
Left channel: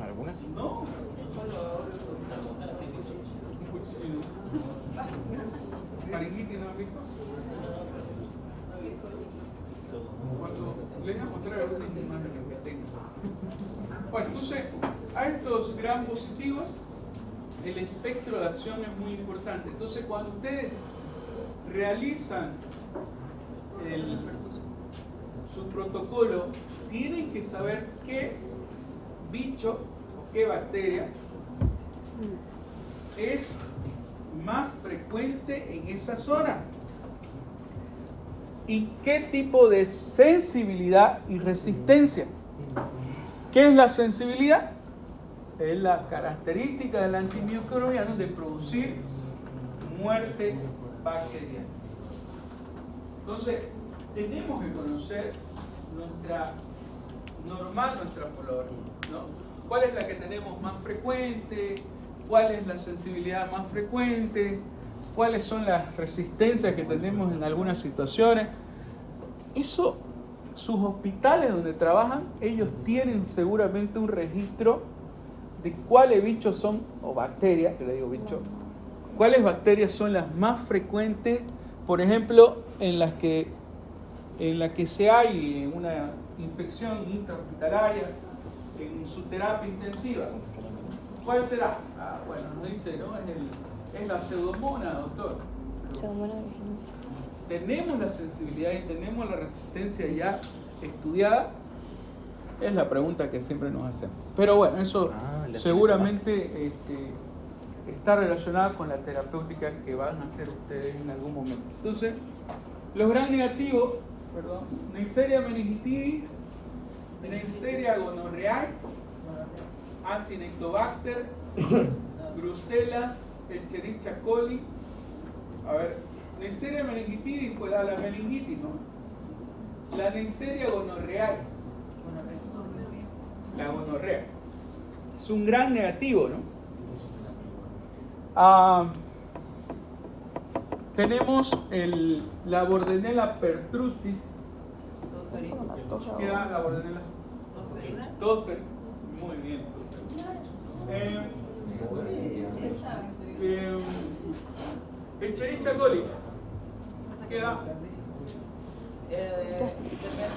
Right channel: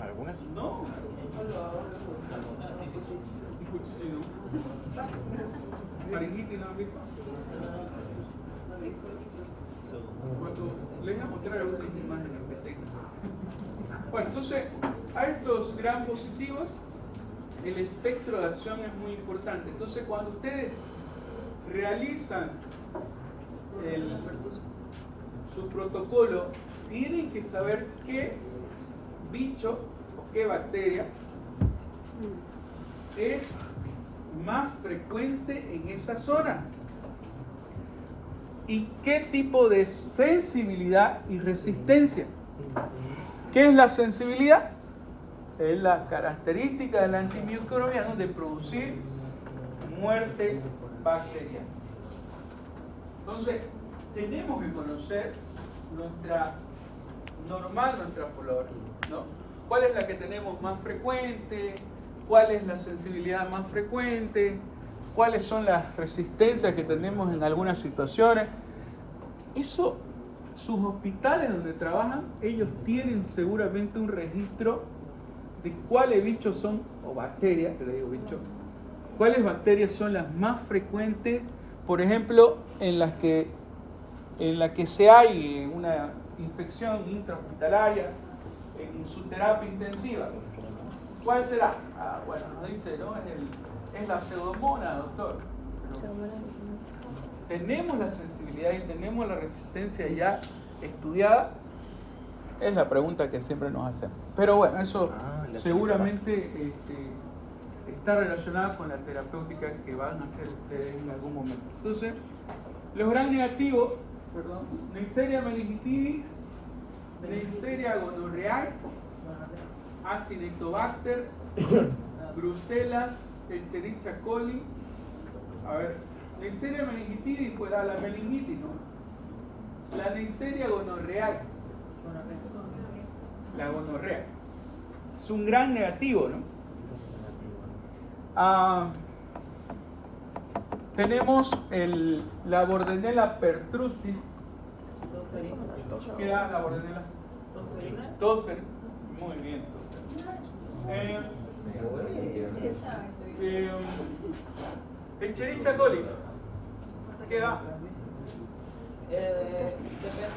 Algunas. No. Faringitis no han visto. Cuando les voy a mostrar algunas imágenes que tengo. Bueno, entonces, a estos gram positivos, el espectro de acción es muy importante. Entonces, cuando ustedes realizan su protocolo, tienen que saber qué bicho o qué bacteria es más frecuente en esa zona y qué tipo de sensibilidad y resistencia. ¿Qué es la sensibilidad? Es la característica del antimicrobiano de producir muerte bacteriana. Entonces, tenemos que conocer nuestra flora, ¿no? ¿Cuál es la que tenemos más frecuente? ¿Cuál es la sensibilidad más frecuente? ¿Cuáles son las resistencias que tenemos en algunas situaciones? Eso, sus hospitales donde trabajan, ellos tienen seguramente un registro de cuáles bichos son, o bacterias, que le digo bicho, cuáles bacterias son las más frecuentes, por ejemplo, en las que se hay una infección intrahospitalaria en su terapia intensiva. ¿Cuál será? Bueno, no dice, ¿no? Es la pseudomonas, doctor. ¿Tenemos la sensibilidad y tenemos la resistencia ya estudiada? Es la pregunta que siempre nos hacemos. Pero bueno, eso seguramente está relacionada con la terapéutica que van a hacer ustedes en algún momento. Entonces, los gran negativos, Neisseria meningitidis, Neisseria gonorrhoeae, Acinetobacter, Bruselas, Escherichia coli. A ver, Neisseria meningitidis, pues la meningitis, ¿no? La Neisseria gonorrhoeae, la gonorrea, es un gran negativo, ¿no? Tenemos la Bordetella pertussis. ¿Qué da la Bordetella? Dofer, muy bien. Escherichia coli, ¿qué da? Depende.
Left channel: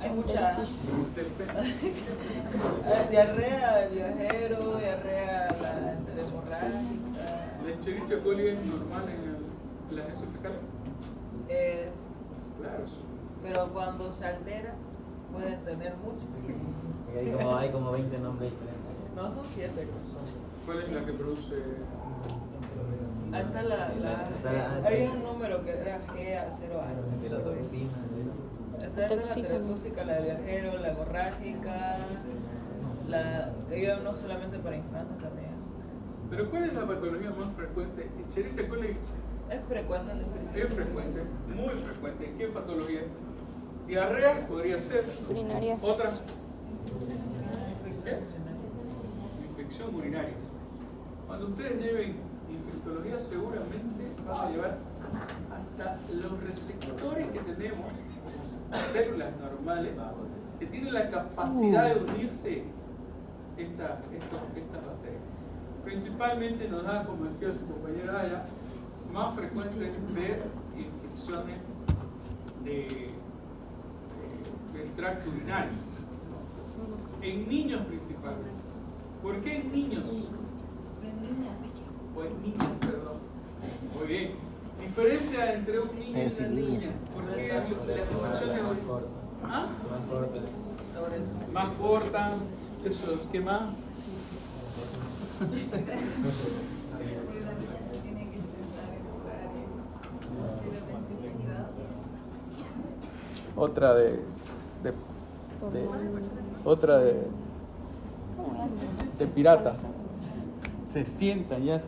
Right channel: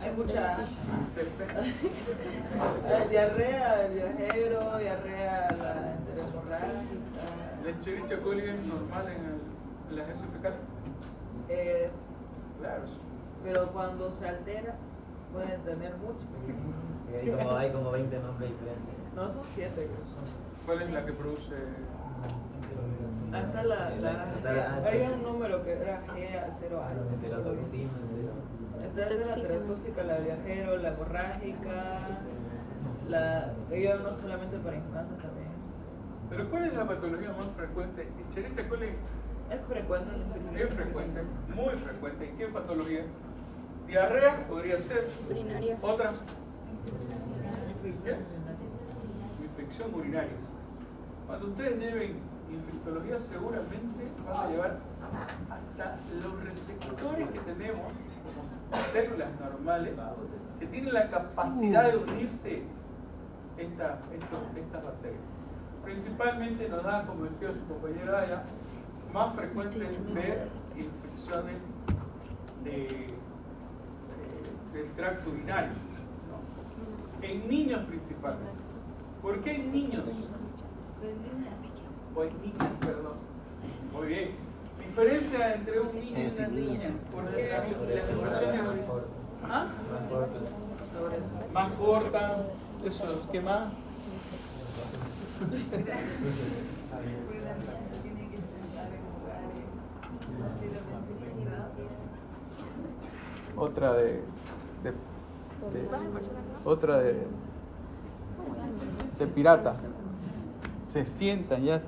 Hay muchas. Diarrea, viajero, diarrea hemorrágica. ¿La Escherichia coli es normal en las heces fecales? Claro. Pero cuando se altera, pueden tener mucho. Hay como 20 nombres diferentes. No, son 7. ¿Cuál es la que produce? Ahí está hay un número que era G0A. Esta es la terotóxica, la de viajero, la hemorrágica, ellos no solamente para infantes también. ¿Pero cuál es la patología más frecuente? Escherichia coli Es frecuente en la es frecuente, muy frecuente. ¿Qué patología? Diarrea podría ser. Urinarias. Otra. ¿Qué? Infección urinaria. Cuando ustedes lleven infectología seguramente van a llevar hasta los receptores que tenemos, células normales, que tienen la capacidad de unirse estas bacterias. Principalmente nos da, como decía su compañero allá, más frecuente ver infecciones del tracto urinario, ¿no? En niños principalmente. ¿Por qué en niños? O en niñas, perdón. Muy bien. Diferencia entre un niño y una niña. ¿Por qué las infecciones más cortas? Eso, ¿qué más? Otra de pirata. Se sientan ya. Es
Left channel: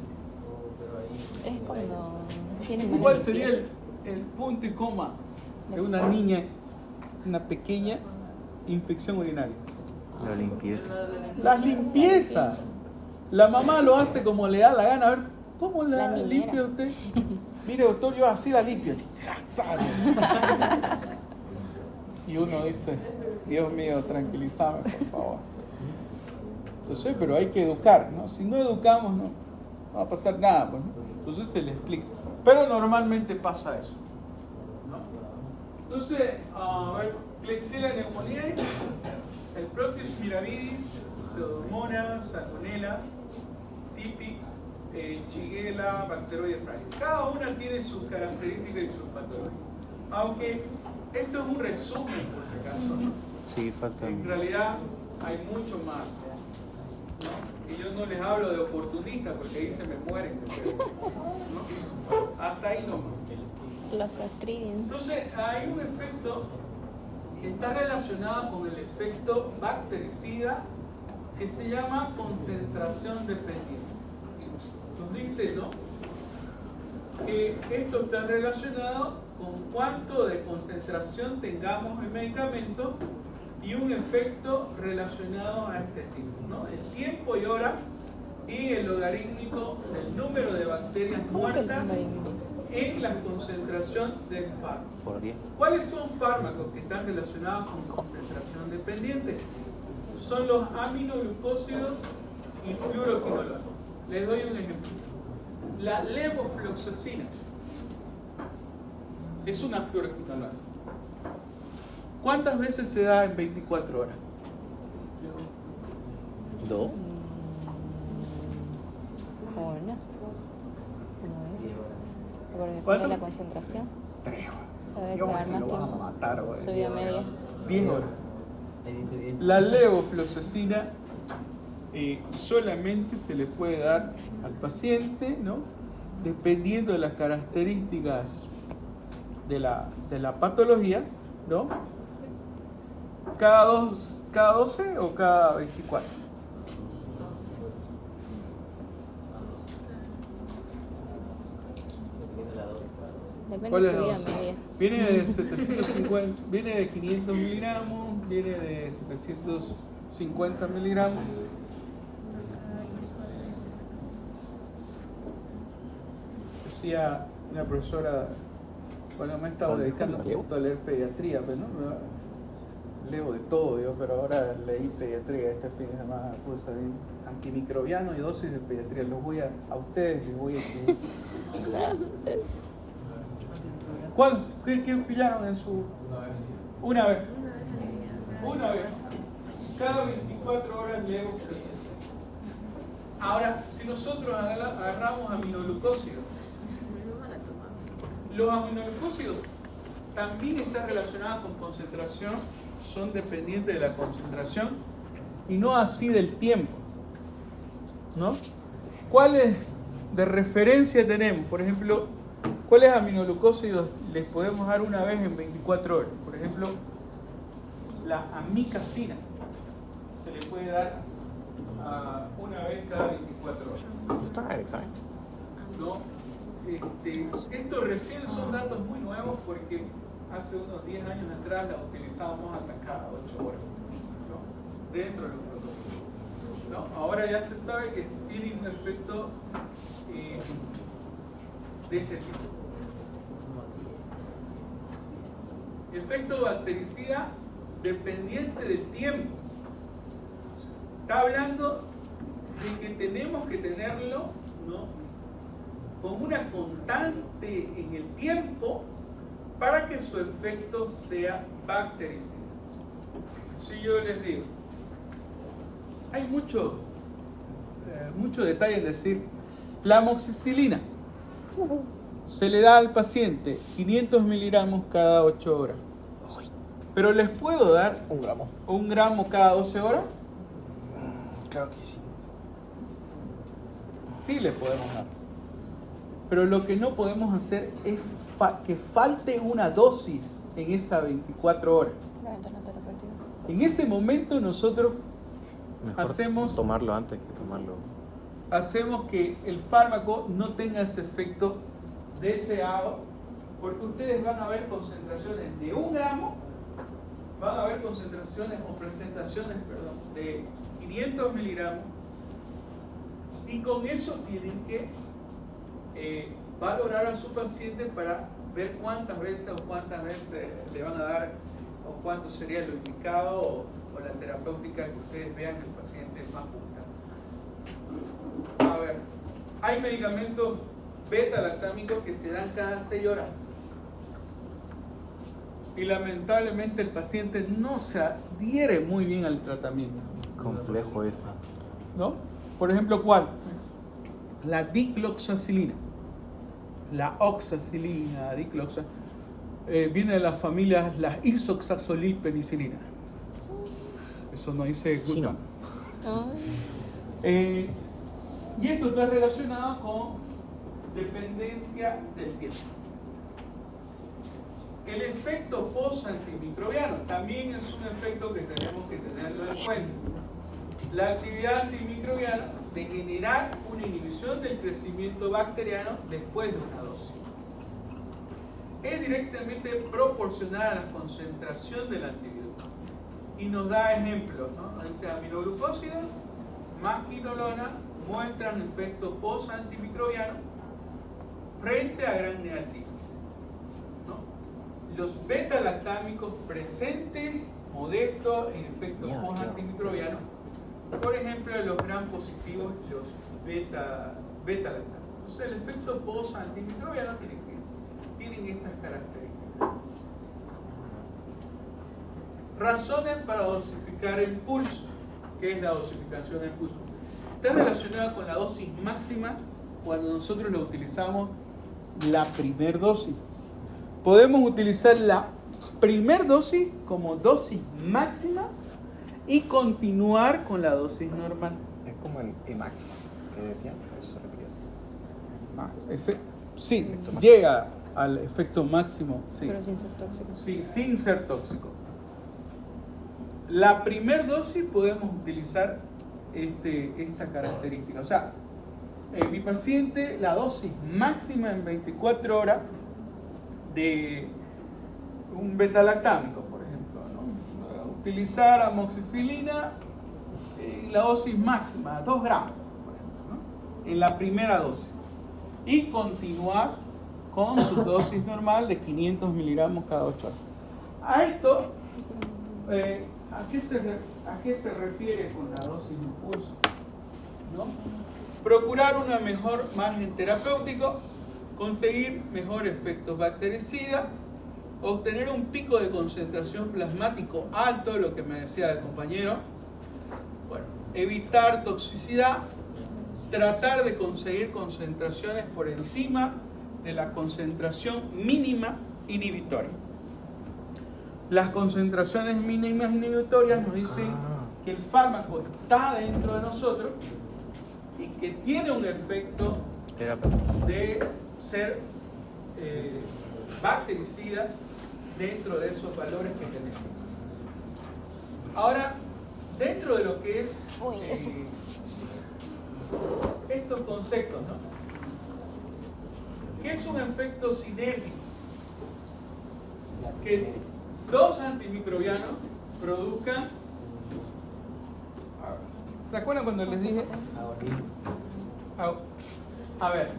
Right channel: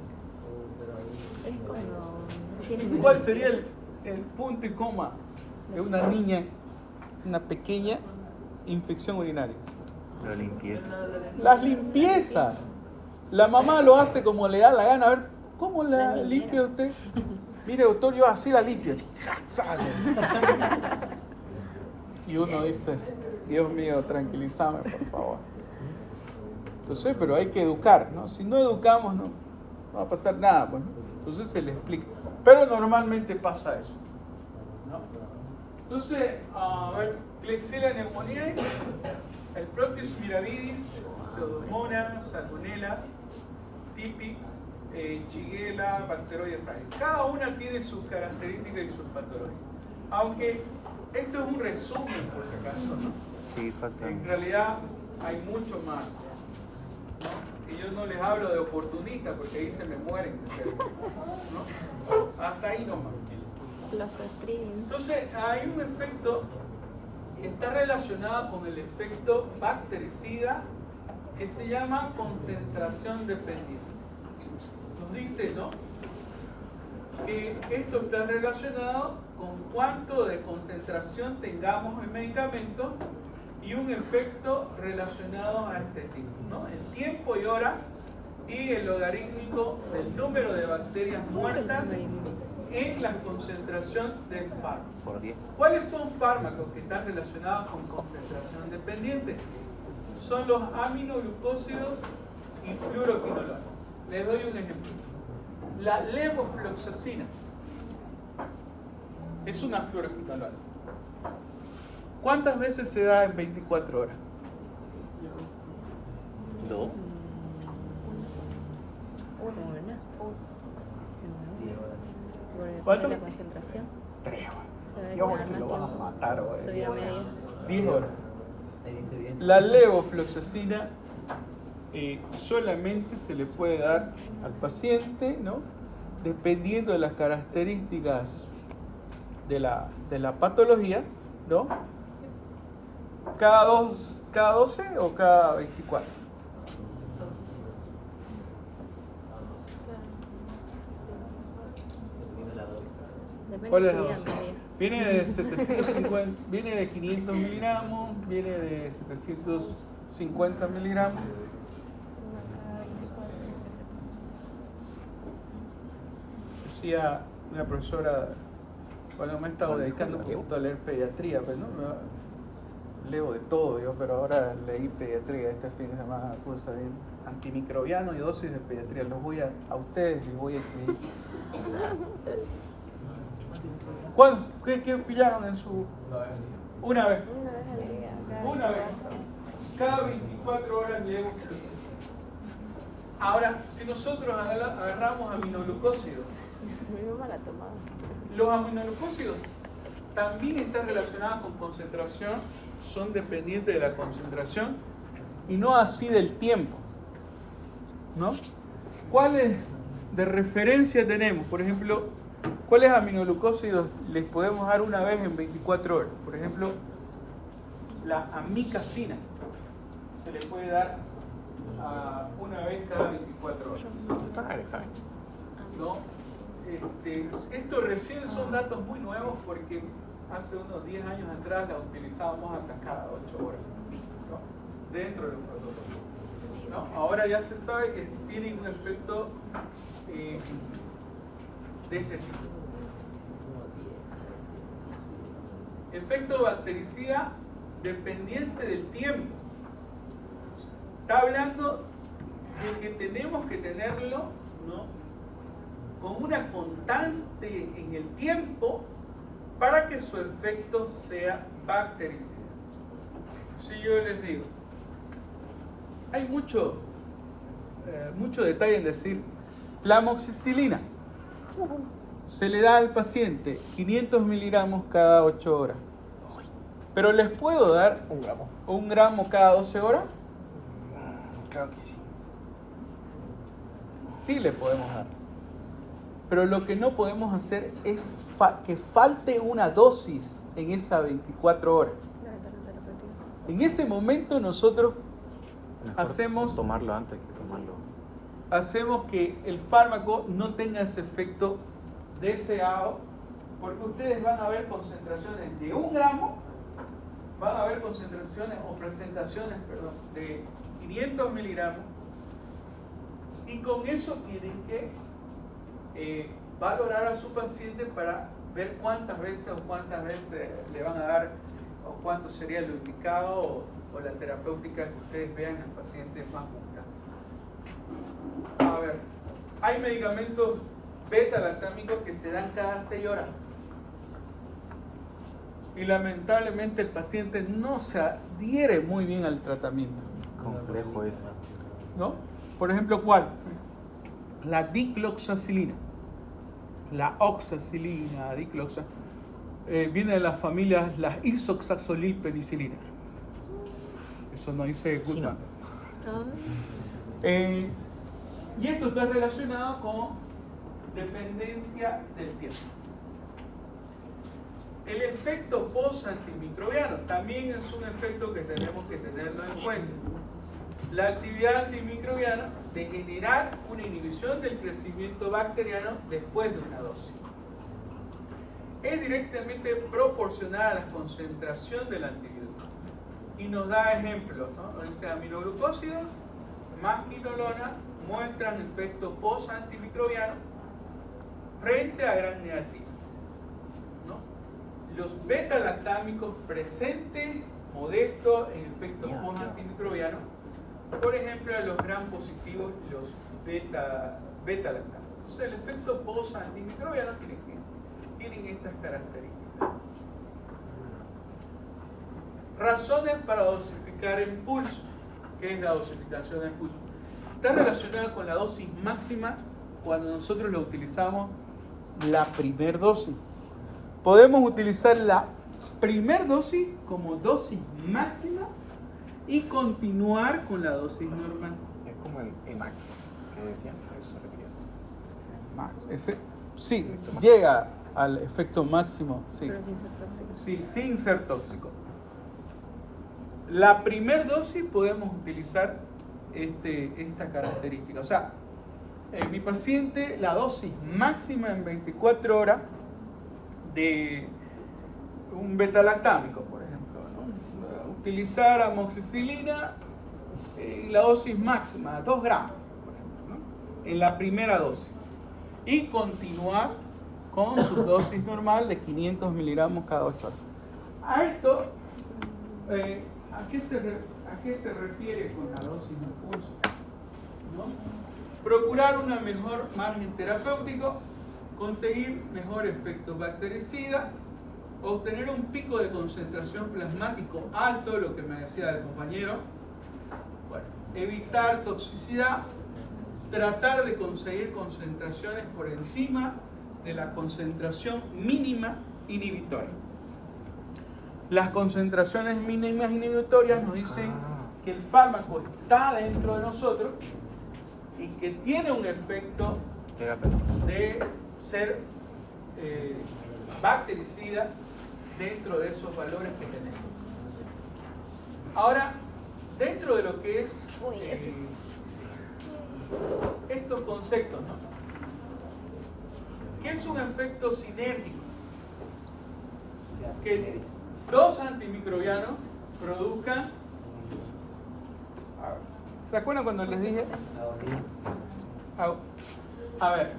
cuando tienen ¿Cuál sería el punto y coma de una niña, una pequeña infección urinaria? La limpieza. Las limpiezas. La mamá lo hace como le da la gana. A ver, ¿cómo la La limpia usted? Mire, doctor, yo así la limpio. Sale. Y uno dice, Dios mío, tranquilízame, por favor. Entonces, pero hay que educar, ¿no? Si no educamos, no va a pasar nada, pues, ¿no? Entonces se le explica. Pero normalmente pasa eso, ¿no? Entonces, a ver, Klebsiella pneumoniae, el propio Miravidis, Pseudomonas, Salmonella, Typhi, Shigella, Bacteroides frágil. Cada una tiene sus características y sus patologías. Aunque esto es un resumen, por si acaso, ¿no? Sí, falta. En realidad hay mucho más. Y yo no les hablo de oportunistas porque ahí se me mueren. ¿No? Hasta ahí nomás. los castrillos. Entonces hay un efecto que está relacionado con el efecto bactericida que se llama concentración dependiente. Nos dice, ¿no?, que esto está relacionado con cuánto de concentración tengamos en medicamento y un efecto relacionado a este tipo, ¿no? El tiempo y hora y el logarítmico del número de bacterias muertas en la concentración del fármaco. Por 10. ¿Cuáles son fármacos que están relacionados con concentración dependiente? Son los aminoglucósidos y fluoroquinolonas. Les doy un ejemplo. La levofloxacina es una fluoroquinolona. ¿Cuántas veces se da en 24 horas? 2. ¿Cuánto? La concentración. 3 horas. Sabe Yo que porque lo vamos a matar hoy. subía media. 10 horas. La levofloxacina solamente se le puede dar al paciente, ¿no?, dependiendo de las características de la patología, ¿no?, cada 12 o cada 24. Depende ¿Cuál de es la subida dosis? media. Viene de 750, viene de 500 miligramos, viene de 750 miligramos. Decía una profesora, cuando me he estado dedicando un poquito a leer pediatría, pues, ¿no?, leo de todo yo, pero ahora leí pediatría este fin de semana, curso de antimicrobiano y dosis de pediatría. Los voy a ustedes y voy a escribir. ¿Qué pillaron en su...? Una vez. Una vez. Cada 24 horas llego. Ahora, si nosotros agarramos aminoglucósidos, los aminoglucósidos también están relacionados con concentración, son dependientes de la concentración y no así del tiempo, ¿no? ¿Cuáles de referencia tenemos? Por ejemplo, ¿cuáles aminoglucósidos les podemos dar una vez en 24 horas? Por ejemplo, la amicacina se le puede dar una vez cada 24 horas. ¿No? Esto recién son datos muy nuevos porque hace unos 10 años atrás la utilizábamos hasta cada 8 horas, ¿no? Dentro del cuerpo, ¿no? Ahora ya se sabe que tiene un efecto de este tipo. Efecto bactericida dependiente del tiempo. Está hablando de que tenemos que tenerlo, ¿no?, con una constante en el tiempo para que su efecto sea bactericida. Si yo les digo, hay mucho detalle en decir, la amoxicilina se le da al paciente 500 miligramos cada 8 horas, pero les puedo dar 1 gramo cada 12 horas. Creo que sí. Sí le podemos dar. Pero lo que no podemos hacer es que falte una dosis en esas 24 horas. En ese momento nosotros Mejor tomarlo antes que tomarlo. hacemos que el fármaco no tenga ese efecto deseado, porque ustedes van a ver concentraciones de 1 gramo, van a ver concentraciones o presentaciones, perdón, de 500 miligramos, y con eso tienen que valorar a su paciente para ver cuántas veces le van a dar o cuánto sería lo indicado o la terapéutica que ustedes vean que el paciente es más buscado. A ver, hay medicamentos beta-lactámicos que se dan cada 6 horas y lamentablemente el paciente no se adhiere muy bien al tratamiento. Complejo eso. ¿No? Por ejemplo, ¿cuál? La dicloxacilina, la oxacilina, dicloxa, viene de las familias las isoxazolilpenicilina. Eso no dice Goodman. Y esto está relacionado con dependencia del tiempo. El efecto post-antimicrobiano también es un efecto que tenemos que tenerlo en cuenta. La actividad antimicrobiana de generar una inhibición del crecimiento bacteriano después de una dosis. Es directamente proporcional a la concentración del antivirus. Y nos da ejemplos, ¿no? Nos dice aminoglucósidos más quinolona muestran efectos post-antimicrobiano frente a gram negativo, ¿no? Los beta-lactámicos presentes, modestos en efectos post-antimicrobianos. Por ejemplo, los gram positivos y los beta-lactámicos. O sea, el efecto post-antimicrobiano tienen estas características. Razones para dosificar el pulso. ¿Qué es la dosificación del pulso? Está relacionada con la dosis máxima cuando nosotros lo utilizamos la primer dosis. Podemos utilizar la primer dosis como dosis máxima y continuar con la dosis normal. Es como el Emax que decían, a eso se refería. Sí, llega al efecto máximo. Sí. Pero sin ser tóxico. Sí, sin ser tóxico. La primer dosis podemos utilizar esta característica. O sea, mi paciente, la dosis máxima en 24 horas de un beta-lactámico, por ejemplo, ¿no? Utilizar amoxicilina, la dosis máxima, 2 gramos, ¿no?, en la primera dosis. Y continuar con su dosis normal de 500 miligramos cada 8 horas. A esto ¿a qué se refiere con la dosis de impulso? ¿No? Procurar una mejor margen terapéutico, conseguir mejor efecto bactericida, obtener un pico de concentración plasmático alto, lo que me decía el compañero, bueno, evitar toxicidad, tratar de conseguir concentraciones por encima de la concentración mínima inhibitoria. Las concentraciones mínimas inhibitorias nos dicen que el fármaco está dentro de nosotros y que tiene un efecto de ser bactericida dentro de esos valores que tenemos. Ahora, dentro de lo que es estos conceptos, ¿no? ¿Qué es un efecto sinérgico? Que dos antimicrobianos produzcan. ¿Se acuerdan cuando les dije? A ver,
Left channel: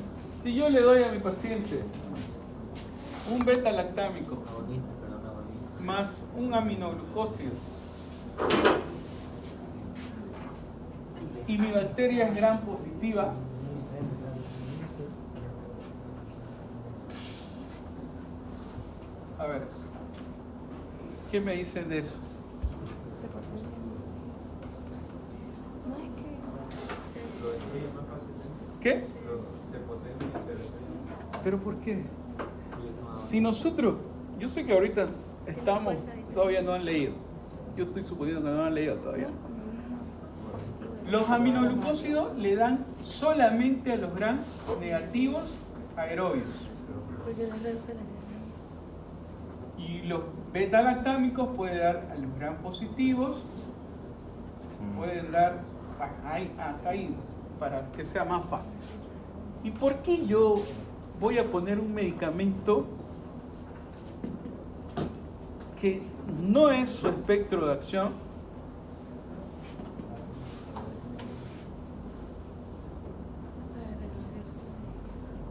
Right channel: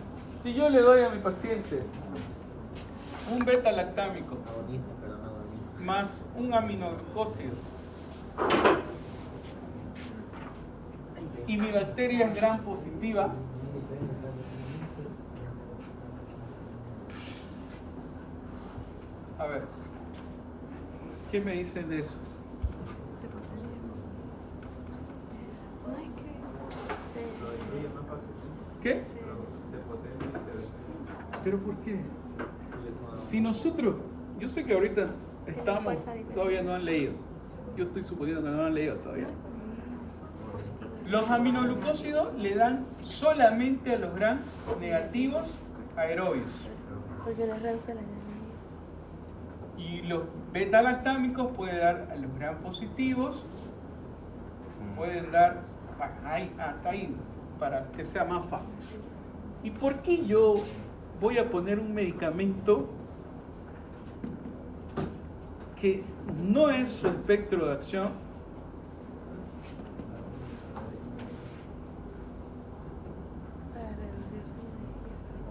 si yo le doy a mi paciente un beta-lactámico más un aminoglucósido y mi bacteria es gram positiva, a ver, ¿qué me dicen de eso? Se potencia. No es que se... Lo destruye más fácilmente. ¿Qué? Se potencia y se destruye. ¿Pero por qué? Si nosotros, yo sé que ahorita estamos, todavía no han leído. Yo estoy suponiendo que no han leído todavía. Los aminoglucósidos le dan solamente a los gram negativos aerobios. Porque las reacciones. Y los beta-lactámicos pueden dar a los gram positivos, pueden dar hasta ahí, para que sea más fácil. ¿Y por qué yo voy a poner un medicamento que no es su espectro de acción?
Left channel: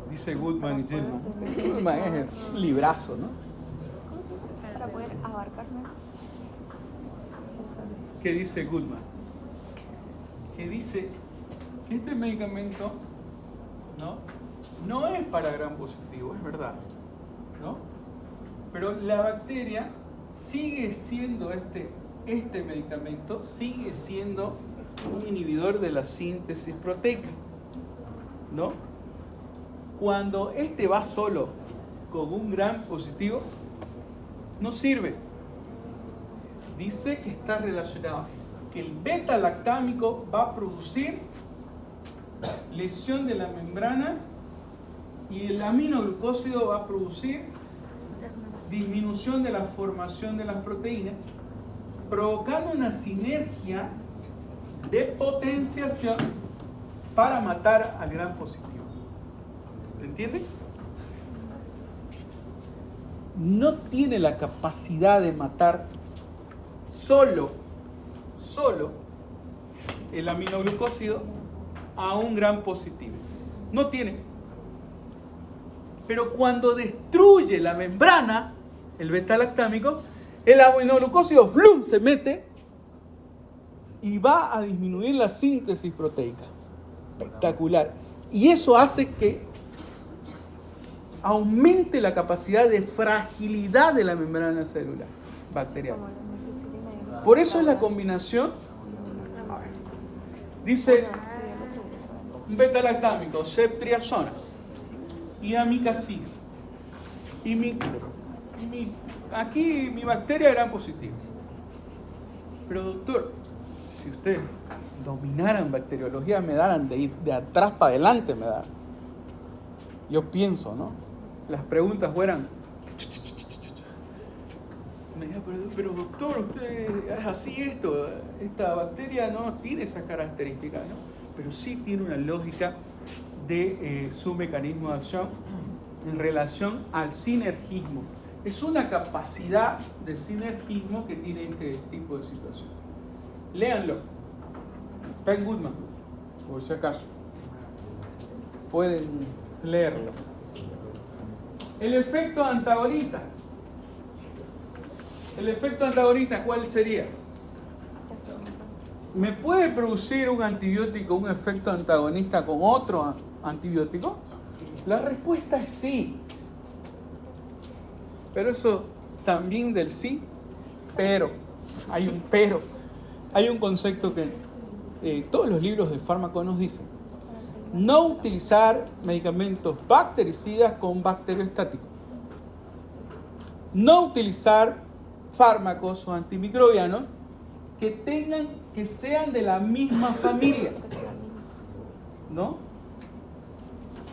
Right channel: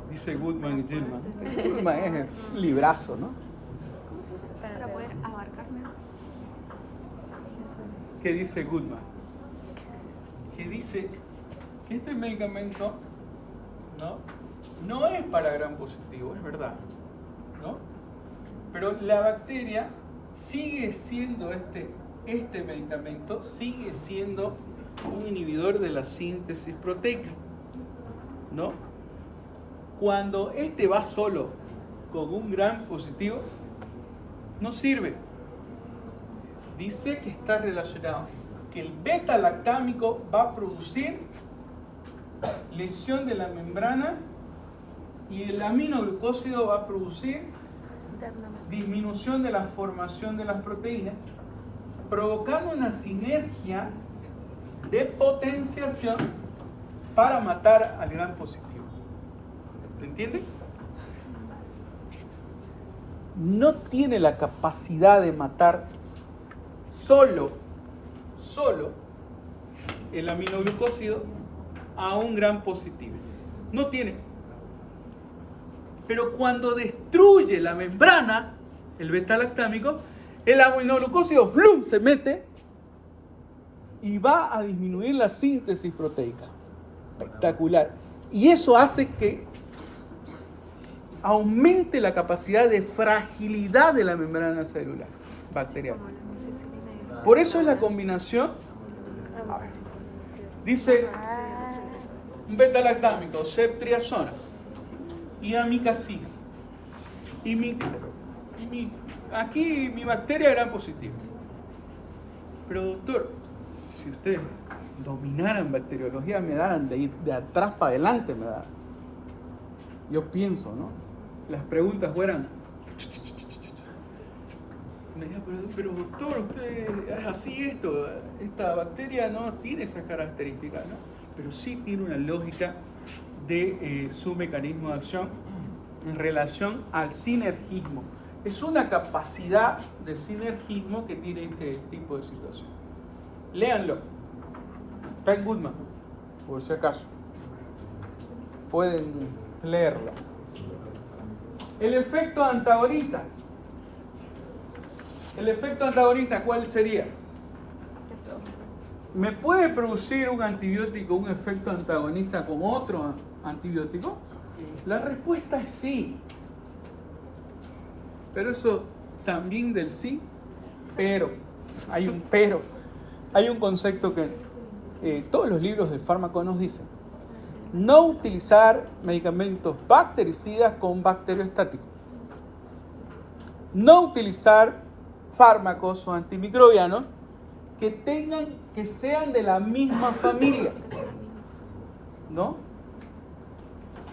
Dice Goodman y Gilman. Goodman es el librazo, ¿no? ¿Cómo se dice? Para poder abarcar mejor. Eso. ¿Qué dice Goodman? Que dice que este medicamento no es para gram positivo, es verdad, ¿no? Pero la bacteria sigue siendo este medicamento sigue siendo un inhibidor de la síntesis proteica, ¿no? Cuando este va solo con un gram positivo, no sirve. Dice que está relacionado, que el beta-lactámico va a producir lesión de la membrana y el aminoglucósido va a producir disminución de la formación de las proteínas, provocando una sinergia de potenciación para matar al gram positivo. ¿Se entiende? No tiene la capacidad de matar solo el aminoglucósido a un gram positivo. No tiene. Pero cuando destruye la membrana, el beta-lactámico, el aminoglucósido ¡flum!, se mete y va a disminuir la síntesis proteica. Espectacular. Y eso hace que aumente la capacidad de fragilidad de la membrana celular bacteriana. Por eso es la combinación. A ver, dice un beta-lactámico, ceftriaxona y amicacina. Aquí mi bacteria era positiva. Pero doctor, si ustedes dominaran bacteriología, me daran de atrás para adelante, me daran. Yo pienso, ¿no? Las preguntas fueran. Me dijo, pero doctor, usted es así esto. Esta bacteria no tiene esas características, ¿no? Pero sí tiene una lógica de su mecanismo de acción en relación al sinergismo. Es una capacidad de sinergismo que tiene este tipo de situación. Léanlo. Está en Goodman, por si acaso. Pueden leerlo. El efecto antagonista. El efecto antagonista, ¿cuál sería? ¿Me puede producir un antibiótico un efecto antagonista con otro antibiótico? La respuesta es sí. Pero eso también del sí, pero, hay un pero. Hay un concepto que todos los libros de fármaco nos dicen. No utilizar medicamentos bactericidas con bacteriostáticos. No utilizar fármacos o antimicrobianos que sean de la misma familia, ¿no?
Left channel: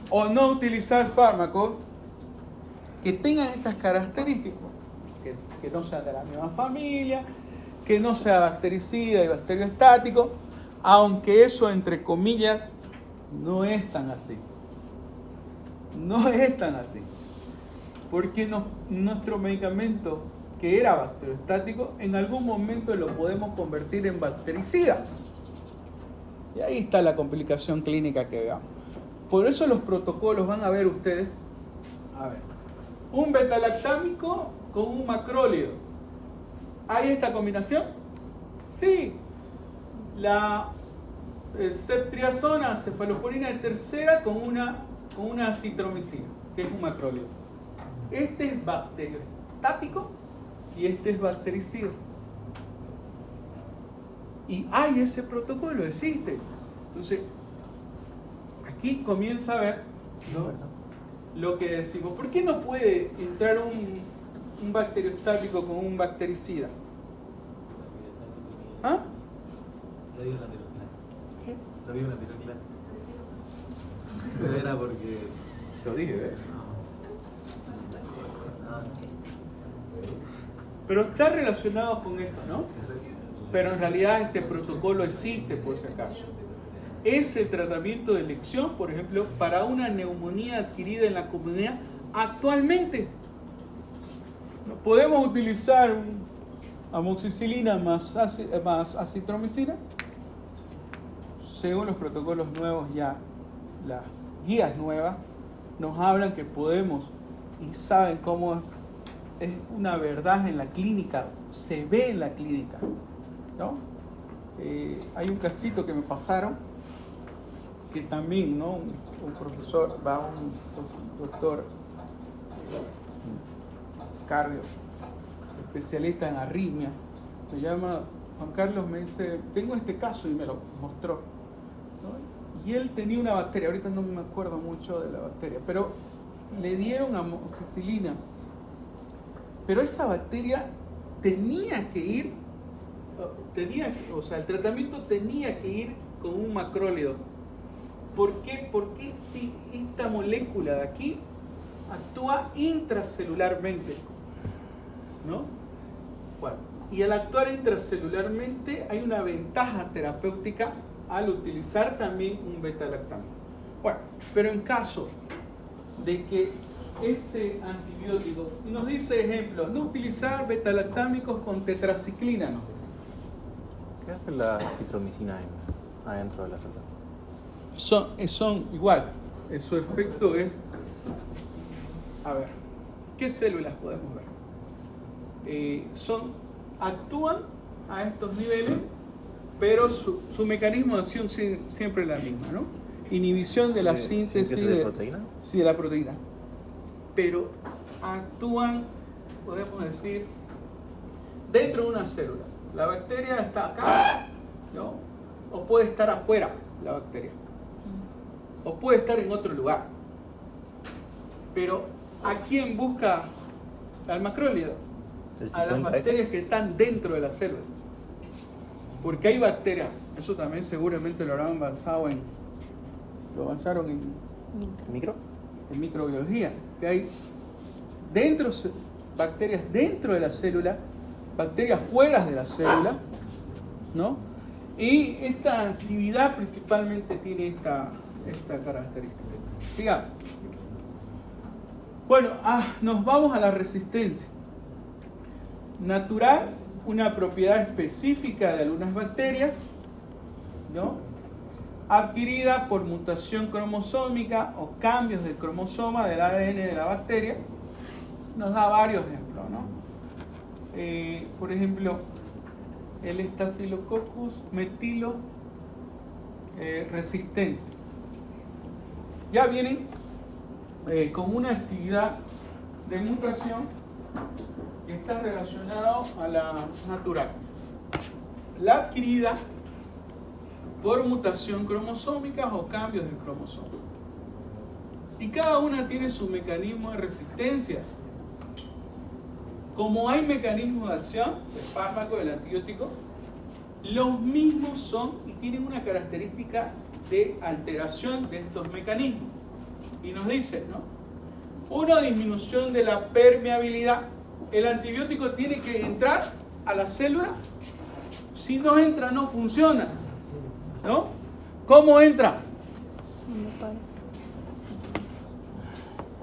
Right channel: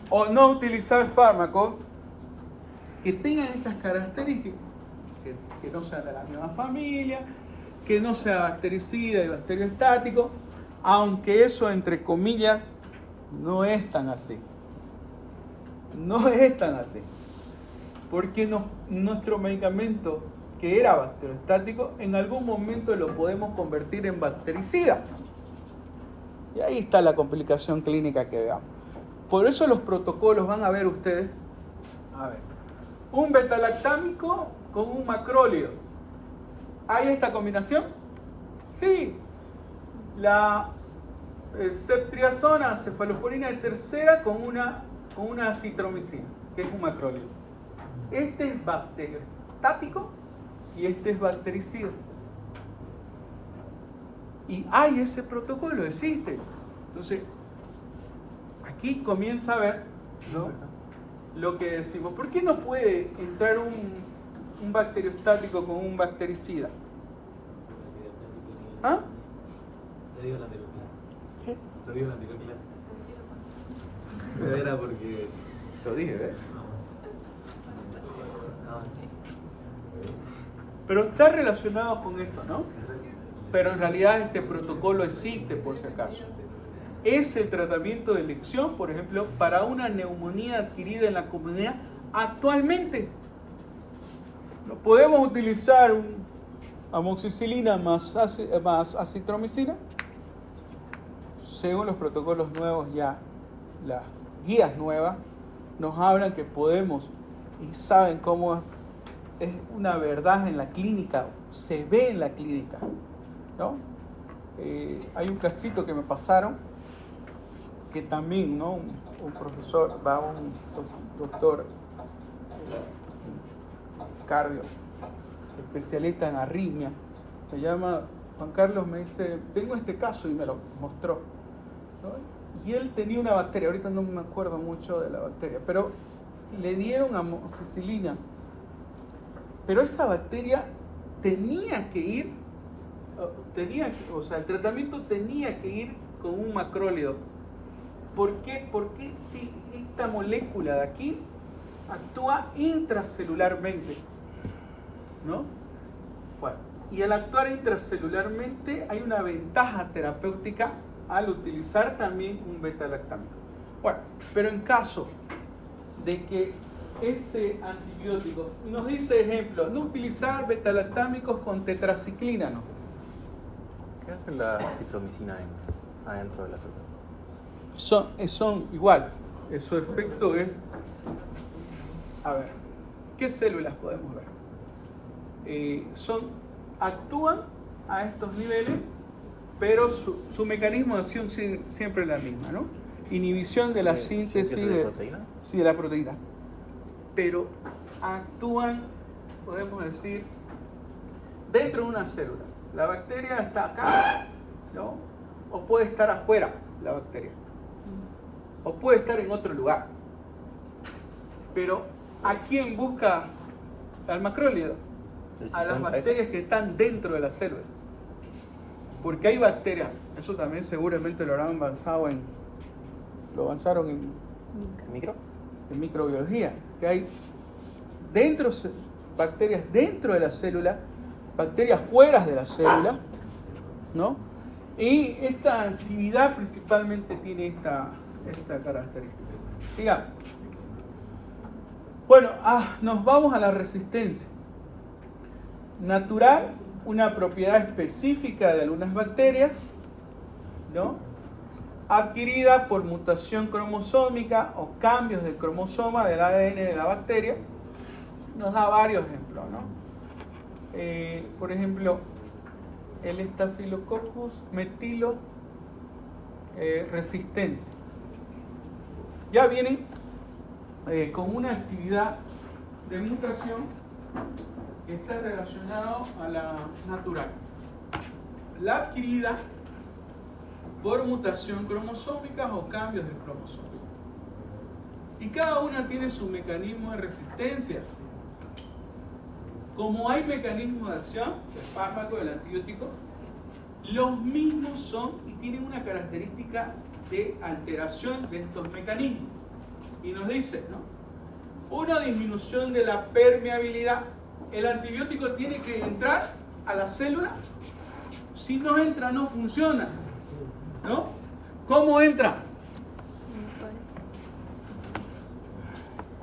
O no utilizar fármacos que tengan estas características, que no sean de la misma familia, que no sea bactericida y bacteriostático, aunque eso, entre comillas, no es tan así. No es tan así. Porque nuestro medicamento, que era bacteriostático, en algún momento lo podemos convertir en bactericida. Y ahí está la complicación clínica que veamos. Por eso los protocolos van a ver ustedes. A ver. Un betalactámico con un macrólido. ¿Hay esta combinación? Sí. La ceftriaxona, cefalosporina tercera con una acitromicina, que es un macrólido. Este es bacteriostático y este es bactericida. Y hay ese protocolo, existe. Entonces, aquí comienza a ver, ¿no?, lo que decimos. ¿Por qué no puede entrar un bacteriostático con un bactericida? ¿Ah? Lo digo en la anterior clase. ¿Qué? Lo digo en la anterior clase. Pero era porque... Lo dije, ¿eh? No. Pero está relacionado con esto, ¿no? Pero en realidad este protocolo existe, por si acaso. Es el tratamiento de elección, por ejemplo, para una neumonía adquirida en la comunidad actualmente. Podemos utilizar amoxicilina más acitromicina. Según los protocolos nuevos, ya las guías nuevas nos hablan que podemos, y saben cómo es una verdad en la clínica, se ve en la clínica, ¿no? Hay un casito que me pasaron, que también, ¿no?, un profesor, un doctor, Carlos, especialista en arritmia, se llama Juan Carlos, me dice, tengo este caso, y me lo mostró, ¿no? Y él tenía una bacteria, ahorita no me acuerdo mucho de la bacteria, pero le dieron amoxicilina, pero esa bacteria tenía que ir, o sea, el tratamiento tenía que ir con un macrólido. ¿Por qué? Porque esta molécula de aquí actúa intracelularmente, ¿no? Bueno, y al actuar intracelularmente hay una ventaja terapéutica al utilizar también un betalactámico. Bueno, pero en caso de que este antibiótico, y nos dice ejemplo, no utilizar betalactámicos con tetraciclina, nos dice. ¿Qué hace la citromicina adentro del azúcar? Son igual, su efecto es, a ver, ¿qué células podemos ver? Actúan a estos niveles, pero su mecanismo de acción siempre es la misma, ¿no? Inhibición de la síntesis de proteína. Sí, de la proteína. Pero actúan, podemos decir, dentro de una célula. La bacteria está acá, ¿no? O puede estar afuera la bacteria. O puede estar en otro lugar. Pero ¿a quién busca al macrólido? A las bacterias que están dentro de la célula. Porque hay bacterias, eso también seguramente lo habrán avanzaron en microbiología, que hay bacterias dentro de la célula, bacterias fuera de la célula, ¿no? Y esta actividad principalmente tiene esta característica. Sigamos. Bueno, nos vamos a la resistencia. Natural, una propiedad específica de algunas bacterias, ¿no?, adquirida por mutación cromosómica o cambios de cromosoma del ADN de la bacteria. Nos da varios ejemplos, ¿no? por ejemplo, el Staphylococcus metilo resistente. Ya vienen con una actividad de mutación que está relacionada a la natural. La adquirida por mutación cromosómica o cambios del cromosoma. Y cada una tiene su mecanismo de resistencia. Como hay mecanismos de acción del fármaco, del antibiótico, los mismos son y tienen una característica de alteración de estos mecanismos. Y nos dice, ¿no? Una disminución de la permeabilidad. El antibiótico tiene que entrar a la célula. Si no entra, no funciona, ¿no? ¿Cómo entra? ¿Dónde está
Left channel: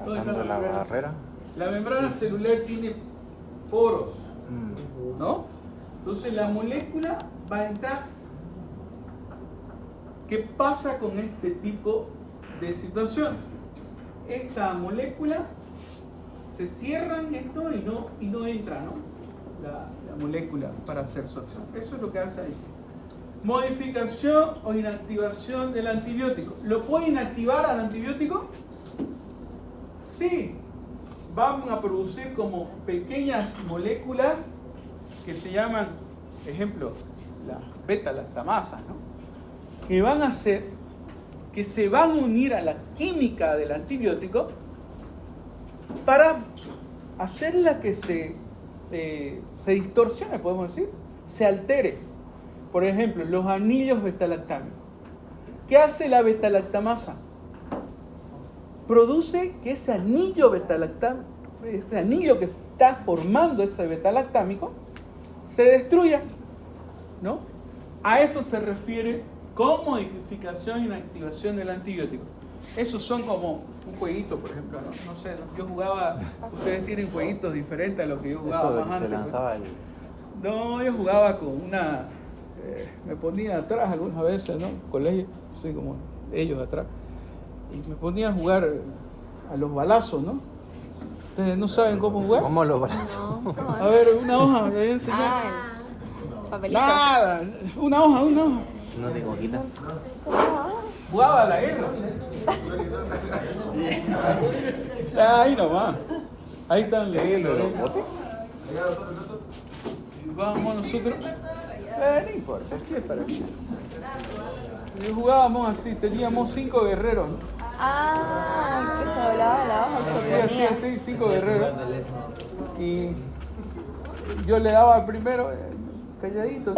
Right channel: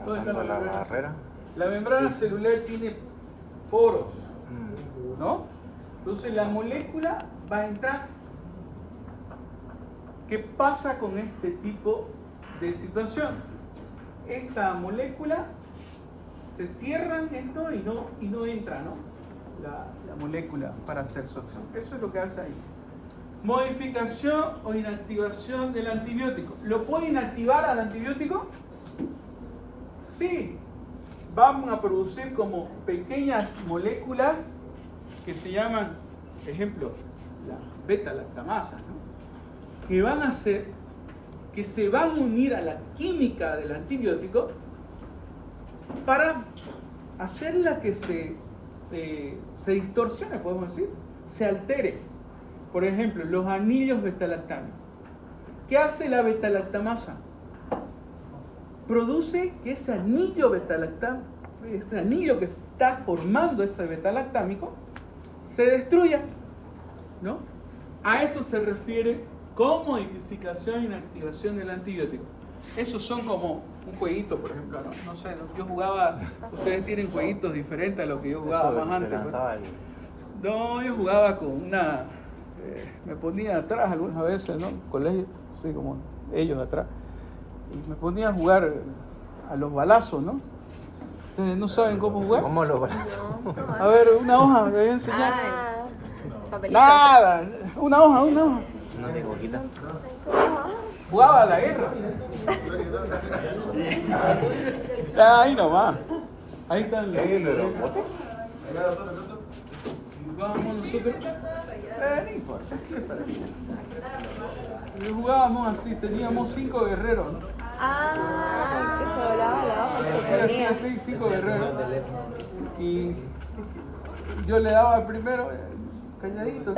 Pasando la membrana? barrera. La membrana celular tiene poros, ¿no? Entonces la molécula va a entrar. ¿Qué pasa con este tipo de situación? Esta molécula se cierra en esto y no entra, ¿no? La molécula para hacer su acción. Eso es lo que hace ahí. Modificación o inactivación del antibiótico. ¿Lo puede inactivar al antibiótico? Sí. Van a producir como pequeñas moléculas que se llaman, por ejemplo, las beta-lactamasas, ¿no? Que van a hacer que se van a unir a la química del antibiótico para hacerla que se distorsione, podemos decir, se altere. Por ejemplo, los anillos beta-lactámicos. ¿Qué hace la beta-lactamasa? Produce que ese anillo beta-lactámico, este anillo que está formando ese beta-lactámico, se destruya, ¿no? A eso se refiere con modificación e inactivación del antibiótico. Esos son como un jueguito, por ejemplo, ¿no? No sé, yo jugaba, ustedes tienen jueguitos diferentes a lo que yo jugaba Eso más se antes. lanzaba ¿no? el- No, yo jugaba con una, me ponía atrás algunas veces, ¿no? Colegio, así como ellos atrás. Y me ponía a jugar a los balazos, ¿no? ¿Ustedes no saben cómo jugar? ¿Cómo lo A ver, una hoja, me voy a enseñar. Papelito. Nada, una hoja. Una de boquita. Jugaba a la guerra. Ahí nomás. Ahí están leyendo. Y vamos nosotros. No importa, así es para mí. Y jugábamos así, teníamos 5 guerreros, ¿no? Eso hablaba Así, 5 guerreros. Y yo le daba al primero, calladito.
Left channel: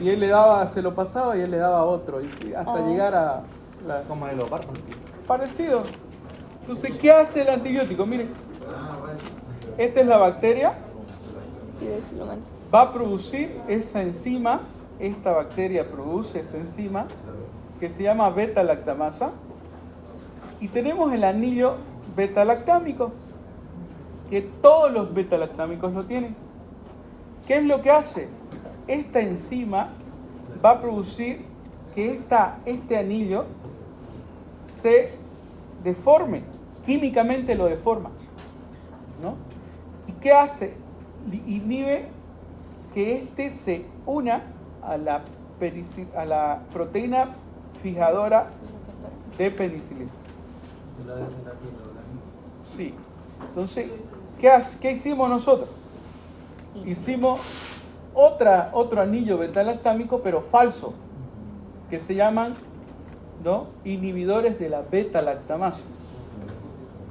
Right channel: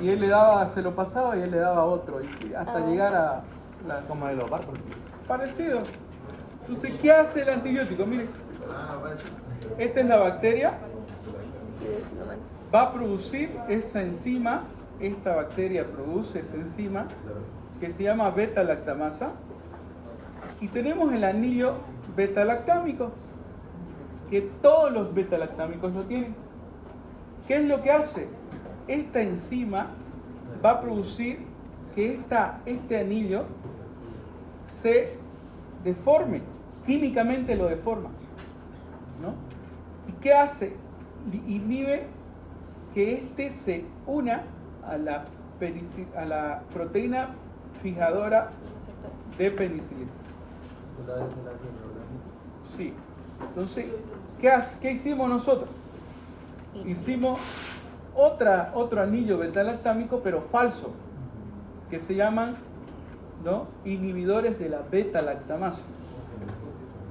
Y él le daba, se lo pasaba y él le daba a otro. Y sí, hasta llegar a la... Como el leopardo. Parecido. Entonces, ¿qué hace el antibiótico? Miren. Esta es la bacteria. Va a producir esa enzima. Esta bacteria produce esa enzima que se llama beta-lactamasa. Y tenemos el anillo beta-lactámico, que todos los beta-lactámicos lo tienen. ¿Qué es lo que hace? Esta enzima va a producir que este anillo se deforme, químicamente lo deforma, ¿no? ¿Y qué hace? Inhibe que este se una a la proteína fijadora de penicilina. Sí. Entonces, ¿qué hicimos nosotros? Hicimos otro anillo beta-lactámico, pero falso, que se llaman, ¿no?, inhibidores de la beta-lactamasa.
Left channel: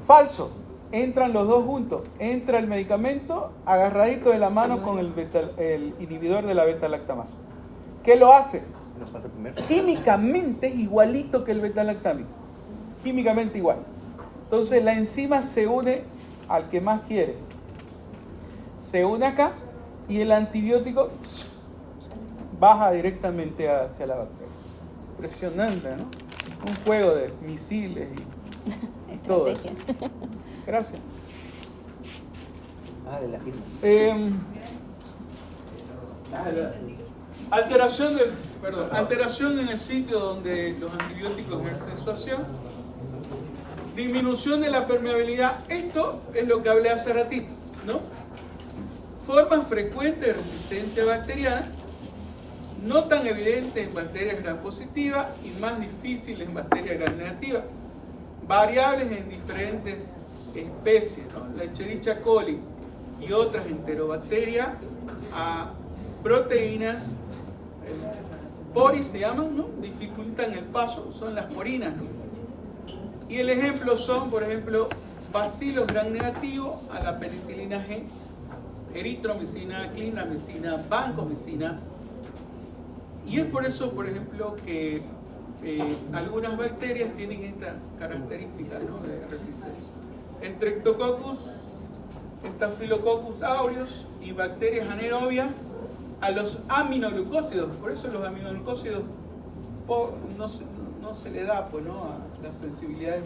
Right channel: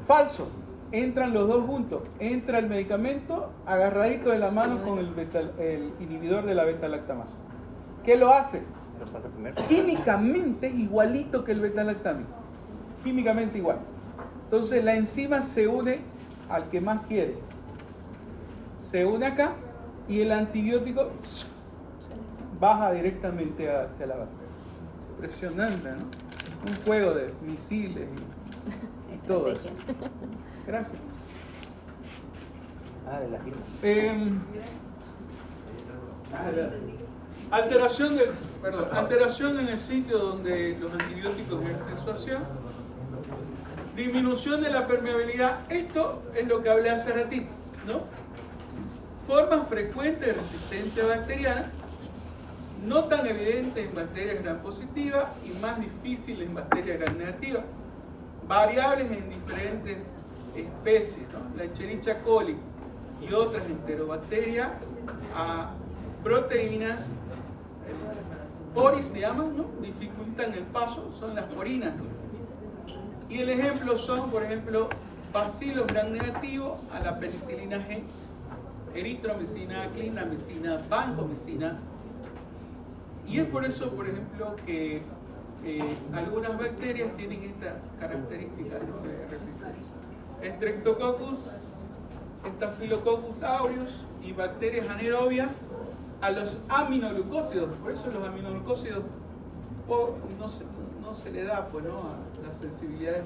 Falso. Entran los dos juntos. Entra el medicamento agarradito de la mano con el inhibidor de la beta-lactamasa. ¿Qué lo hace? Los hace comer. Químicamente es igualito que el beta-lactámico. Químicamente igual. Entonces la enzima se une al que más quiere. Se une acá y el antibiótico baja directamente hacia la bacteria. Impresionante, ¿no? Un juego de misiles y todo eso. Gracias. De la firma. Alteración en el sitio donde los antibióticos ejercen su acción. Disminución de la permeabilidad. Esto es lo que hablé hace ratito, ¿no? Formas frecuentes de resistencia bacteriana, no tan evidente en bacterias gram positivas y más difícil en bacterias gram negativas, variables en diferentes especies, ¿no? La Escherichia coli y otras enterobacterias a proteínas pori se llaman, ¿no? Dificultan el paso, son las porinas, ¿no? Y el ejemplo son, por ejemplo, bacilos gram negativos a la penicilina G, eritromicina, clindamicina, vancomicina. Y es por eso, por ejemplo, que algunas bacterias tienen estas características, ¿no? De resistencia. Streptococcus, Staphylococcus aureus y bacterias anaerobias a los aminoglucósidos. Por eso los aminoglucósidos no se le da, pues, ¿no? A la sensibilidad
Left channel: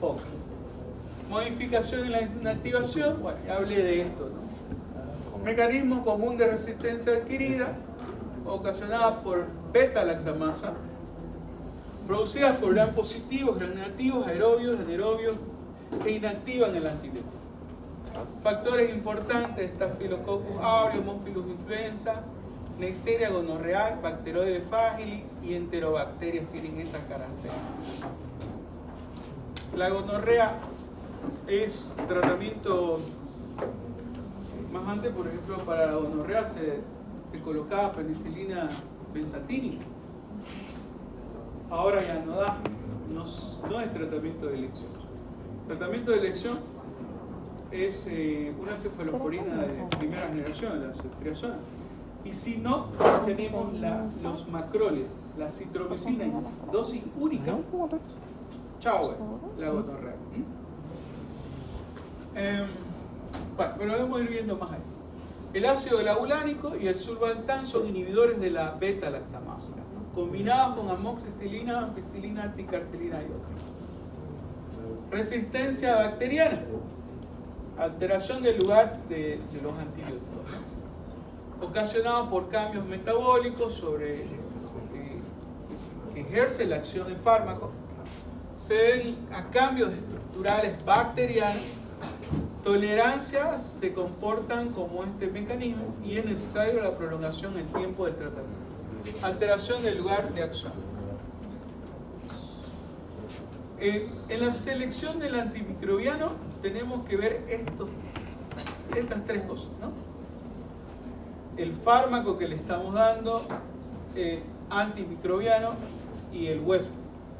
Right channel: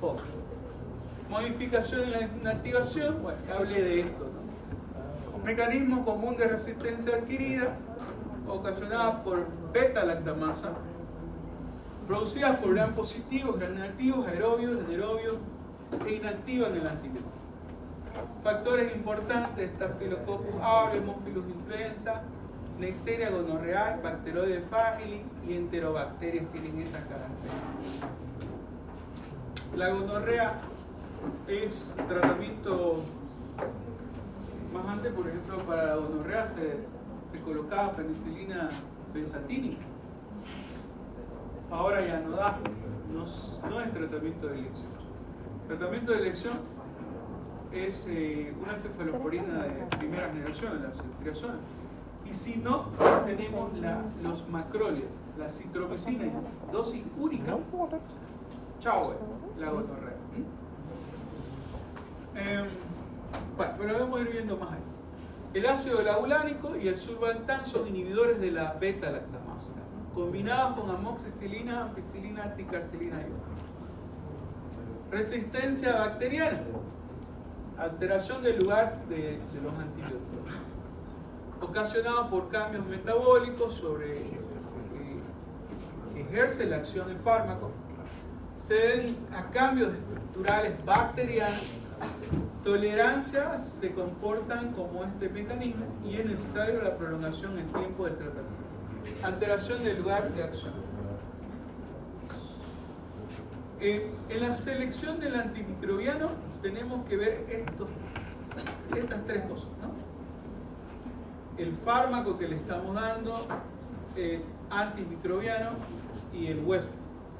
poca. Modificación en la inactivación, bueno, ya hablé de esto, ¿no? Mecanismo común de resistencia adquirida, ocasionada por beta-lactamasa, producidas por gram positivos, gram negativos, aerobios, anaerobios, que inactivan el antibiótico. Factores importantes: Staphylococcus aureus, Haemophilus influenza, Neisseria gonorrhoeae, Bacteroides fragile y enterobacterias tienen estas características. La gonorrea es tratamiento más antes, por ejemplo, para la gonorrea se colocaba penicilina benzatínica. Ahora ya no da, no es tratamiento de elección. Tratamiento de elección es una cefalosporina de primera generación, la ceftriaxona. Y si no, tenemos los macrólidos, la citromicina, dosis única. Chao, la gonorrea. Bueno, pero vamos a ir viendo más ahí. El ácido labulánico y el sulbantán son inhibidores de la beta-lactamasa, ¿no? Combinados con amoxicilina, ampicilina, ticarcilina y otros. Resistencia bacteriana, alteración del lugar de los antibióticos, ¿no? Ocasionada por cambios metabólicos sobre que ejerce la acción del fármaco, se deben a cambios estructurales bacterianos. Tolerancia se comportan como este mecanismo y es necesario la prolongación en tiempo del tratamiento. Alteración del lugar de acción. En la selección del antimicrobiano tenemos que ver estas tres cosas, ¿no? El fármaco que le estamos dando, el antimicrobiano y el huésped,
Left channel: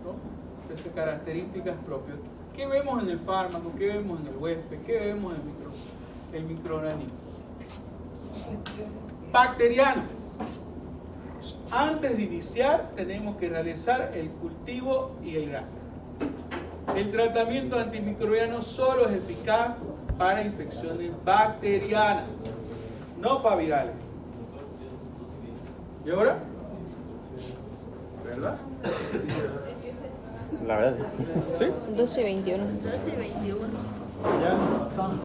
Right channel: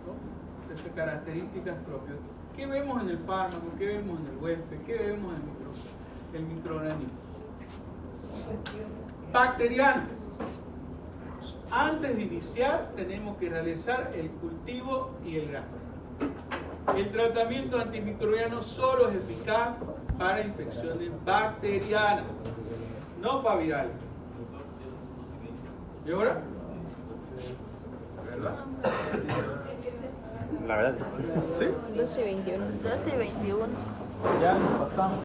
¿no? Estas características propias. ¿Qué vemos en el fármaco? ¿Qué vemos en el huésped? ¿Qué vemos en el microorganismo? Bacteriano. Antes de iniciar tenemos que realizar el cultivo y el grano. El tratamiento antimicrobiano solo es eficaz para infecciones bacterianas, no para virales. ¿Y ahora? ¿Verdad? La verdad, sí. 12:21. Ya nos pasamos.